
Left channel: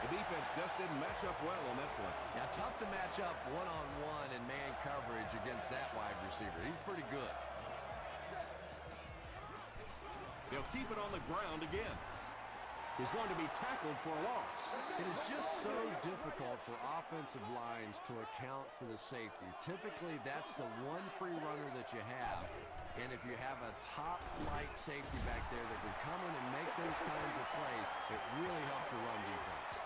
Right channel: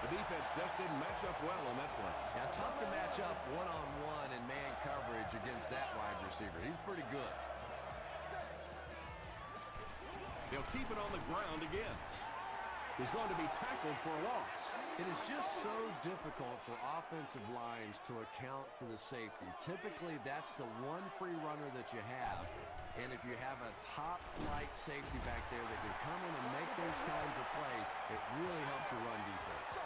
The defense just didn't match up well on that play. Yeah, tough to match up one-on-one in man coverage against that wide receiver. He's pretty good. He'll keep it on the ground again. He's going to be tackled for a loss. It is just so difficult for offensive lines to account for the safety. Typically, that's the one free runner that you have. And if you have a top-flight safety back there that can come in and make those kinds of plays, it really helps your run defense.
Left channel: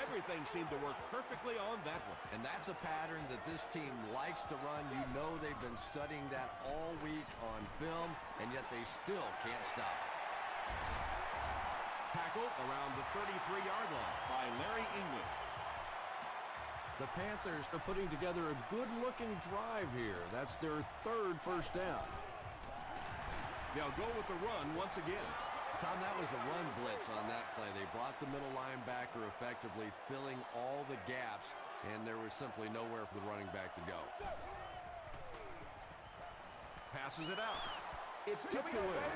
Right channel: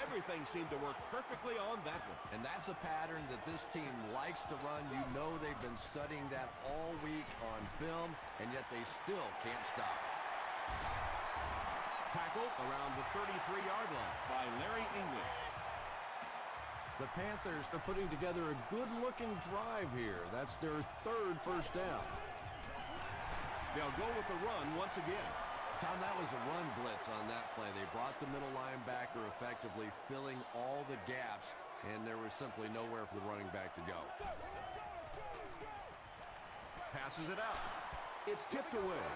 Everything seemed to work perfectly on that one. And that's a pattern that this team likes to run. You know they've been studying that all week on film, and yet they still can't stop it. Tackle around the 33-yard line by Larry English. The Panthers are putting together a good-looking drive here. That's their third first down. They'll go with the run once again. Tom, that was a run blitz on that play. They brought the middle linebacker effectively filling all the gaps, and there was simply nowhere for the running back to go. Passes it out. It's tipped away.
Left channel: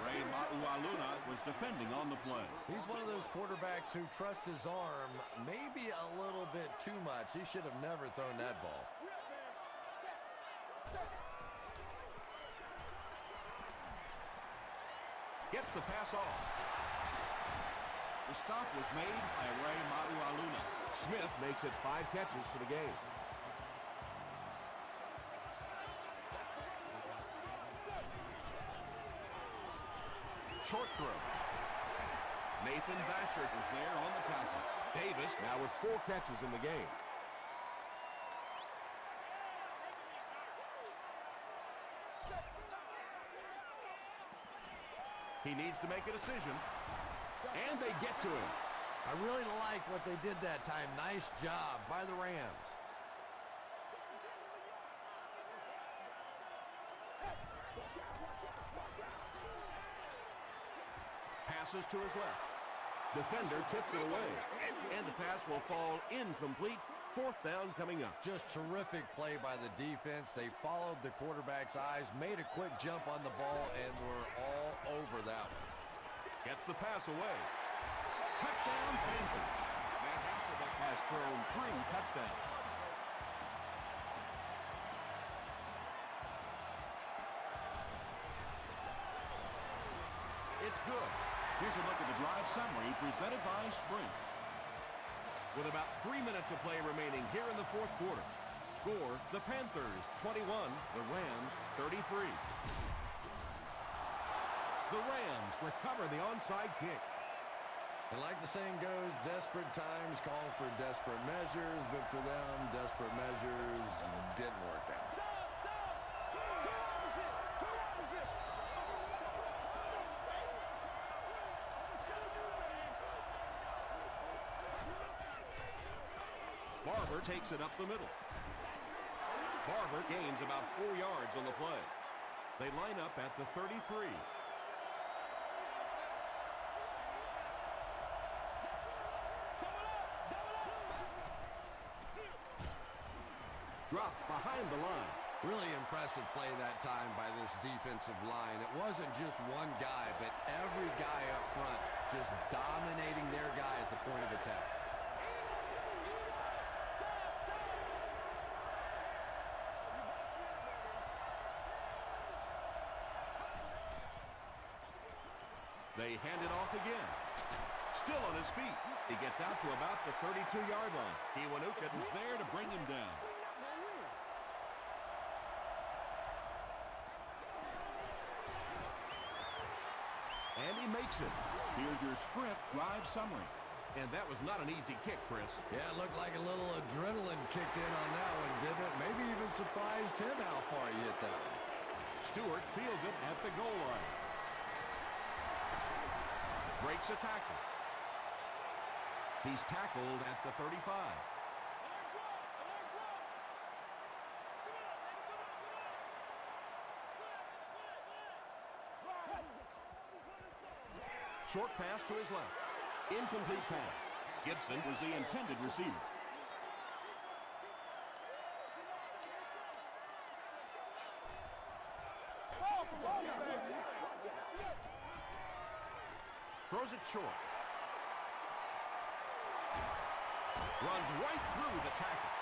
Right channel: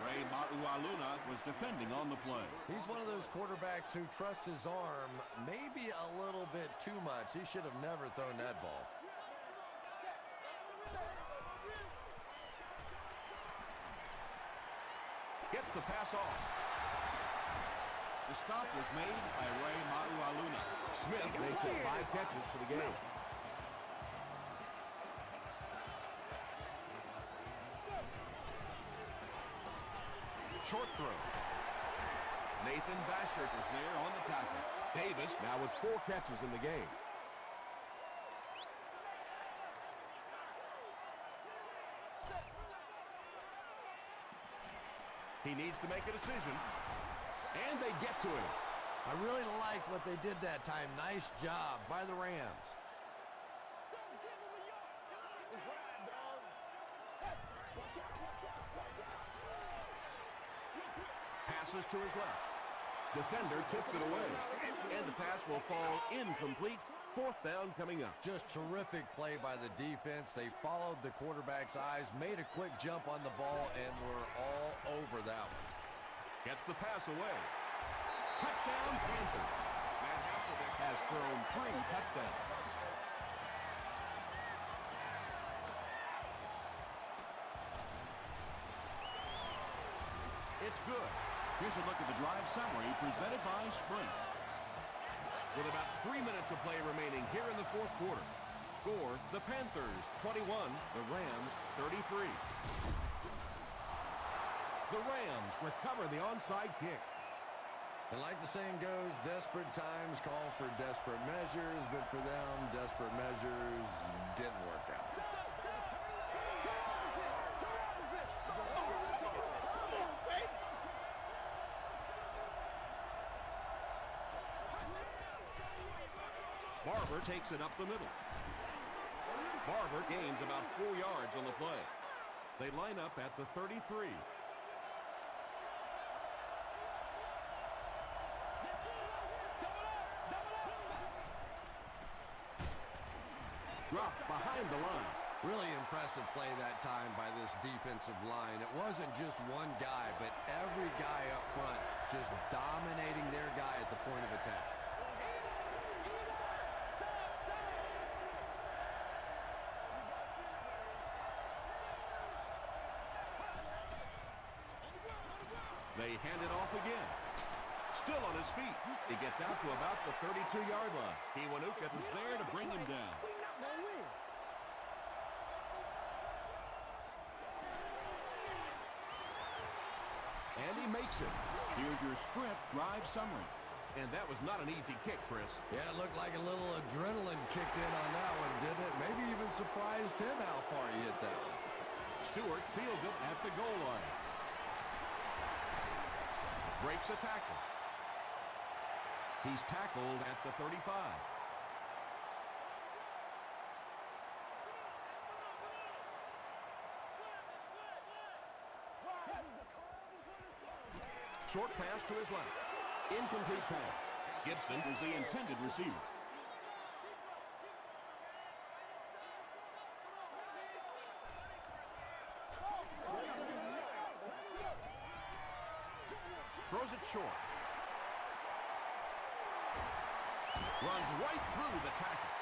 Ray Maualuna was defending on the play. He's one of those quarterbacks who trusts his arm maybe a little bit too much. He should have never thrown that ball. Gets the pass off. The stop was made by Ray Maualuna. Smith makes it 5 catches for the game. Short throw. Nathan Vashert is there on the tackle. Davis now with 4 catches in the game. He needs to make a decision, and they get to him. I really like what they did that time. Nice job by the Rams. Passes to his left. Defender tips it away, and the pass will fall incomplete. 4th down coming up. Just terrific play by the defense. They followed the quarterback's eyes, made a quick jump on the ball, and were all over that one. Gets the pass away. Touchdown, Panthers. Van Hasselbeck has thrown 3 touchdowns. It's good. Here's a look at the drive summary presented by Sprint. With about 3 minutes of play remaining here in the 4th quarter. Score, the Panthers 21, the Rams 33. The Rams recover the onside kick. And like the saying goes, desperate times call for desperate measures, but for them, desperate measures didn't work out. Stop! Stop! Two opposite! Two opposite! Come on, baby! I'm gonna show you, man! Barber takes it up the middle. Barber gains about 4 yards on the play. They line up at the 33. Dropped behind the line. Really impressive play that time by this defensive line. It wasn't just one guy, but every guy up front just dominating their guy at the point of attack. They hand it off again. Still on his feet. He gets out to about the 32-yard line. Kiwanuka was there to bring him down. We not gonna win. And he makes it. Here's your Sprint drive summary. And that was not an easy kick, Chris. Yeah, it looked like a little adrenaline kicked in on that one, didn't it? Maybe even surprised him how far he hit that one. Stewart fields it at the goal line. Breaks a tackle. He's tackled at the 35. Short pass to his left. Incomplete pass. Gibson is the intended receiver. Throws it short. Runs right through the tackle.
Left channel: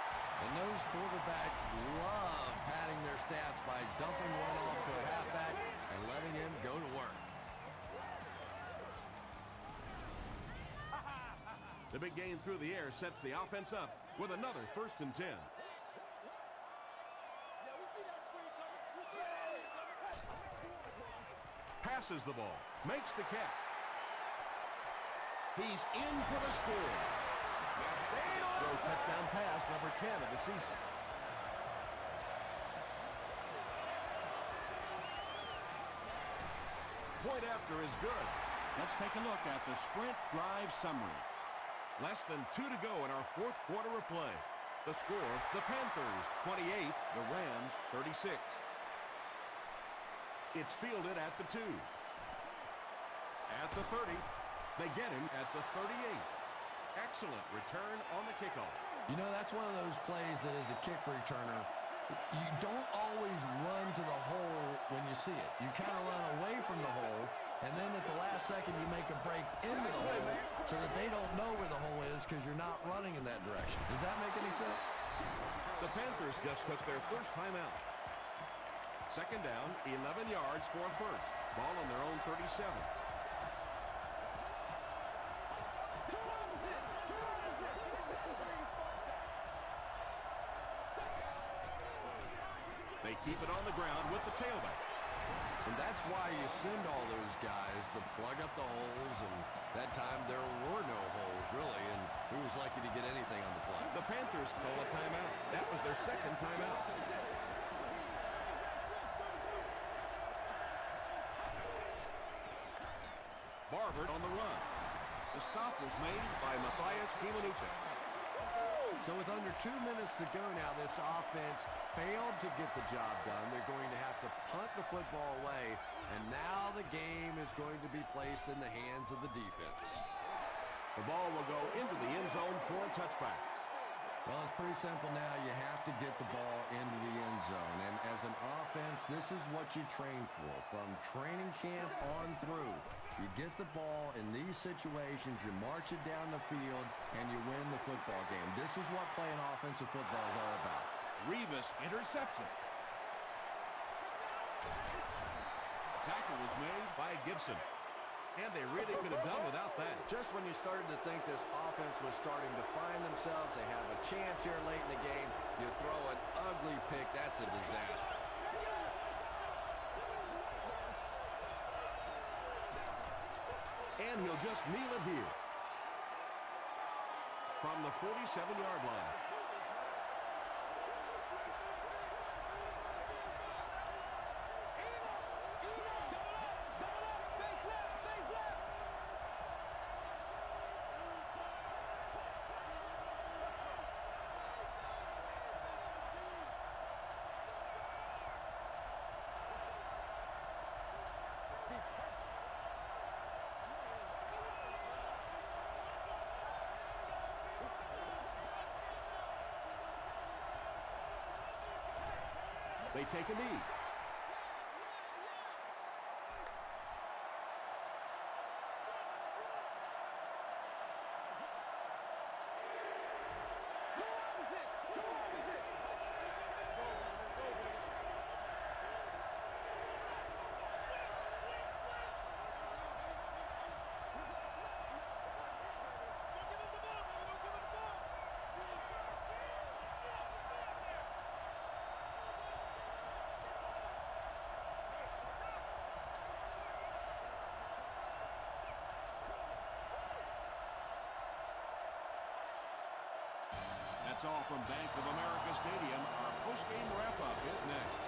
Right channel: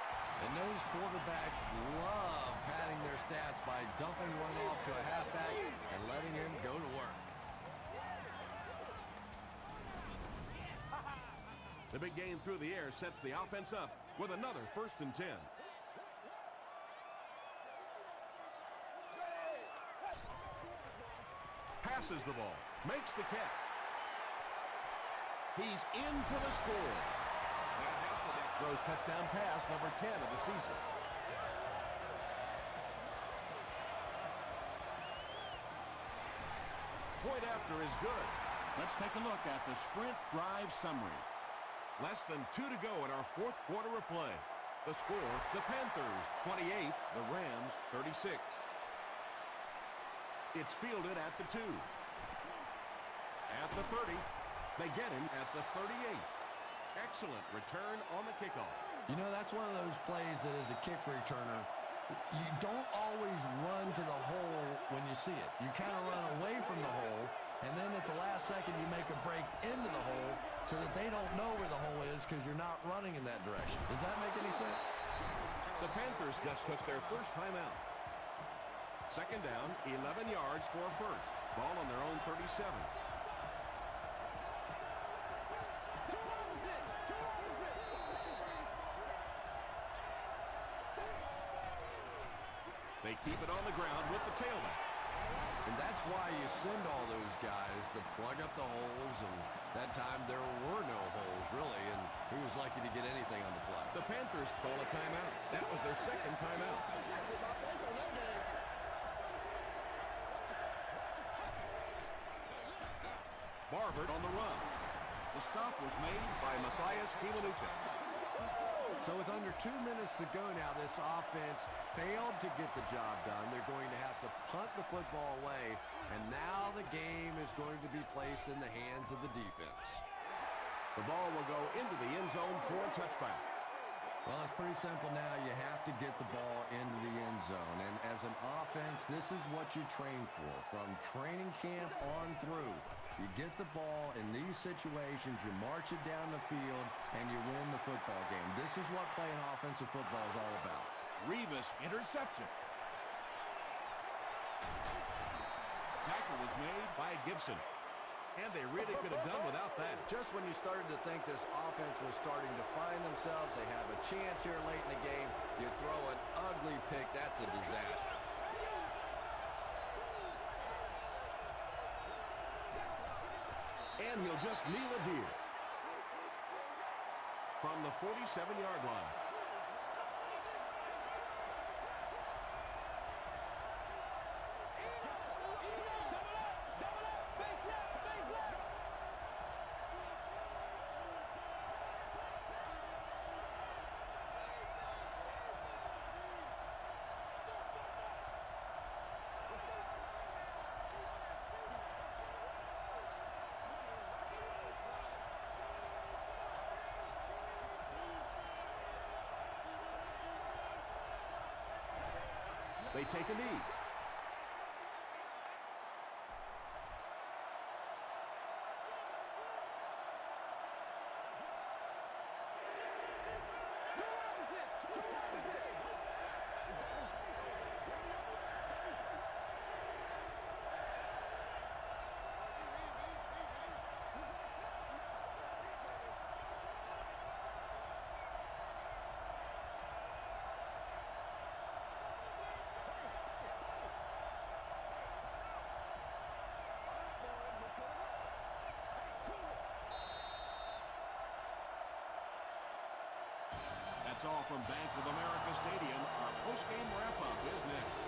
And those quarterbacks love padding their stats by dumping one off to a halfback and letting him go to work. The big gain through the air sets the offense up with another 1st and 10. Passes the ball. Makes the catch. He's in for the score. Throws touchdown pass number 10 of the season. Point after is good. Let's take a look at the Sprint drive summary. Less than 2 to go in our 4th quarter of play. The score, the Panthers 28, the Rams 36. It's fielded at the 2. At the 30. They get him at the 38. Excellent return on the kickoff. You know, that's one of those plays that as a kick returner, you don't always run to the hole when you see it. You kind of run away from the hole, and then at the last second you make a break into the hole so that they don't know where the hole is because you're not running in that direction. Does that make any sense? The Panthers just took their first time out. 2nd down, 11 yards for a first. Ball on their own 37. They keep it on the ground with the tailback. And that's why you send all those guys to plug up the holes, and that time there were no holes, really, and he was lucky to get anything on the play. The Panthers call a timeout. That was their second timeout. Barber on the run. The stop was made by Matthias Kiwanuka. So with under 2 minutes to go now, this offense failed to get the job done. They're going to have to punt the football away, and now the game is going to be placed in the hands of the defense. The ball will go into the end zone for a touchback. Well, it's pretty simple now. You have to get the ball into the end zone. And as an offense, this is what you train for. From training camp on through, you get the ball in these situations, you march it down the field, and you win the football game. This is what playing offensive football is all about. Revis interception. Tackle was made by Gibson. And they really could have done without that. Just when you started to think this offense was starting to find themselves, they have a chance here late in the game, you throw an ugly pick. That's a disaster. And he'll just kneel it here. From the 47-yard line. They take a knee. Two opposite. That's all from Bank of America Stadium. Our post-game wrap-up is next.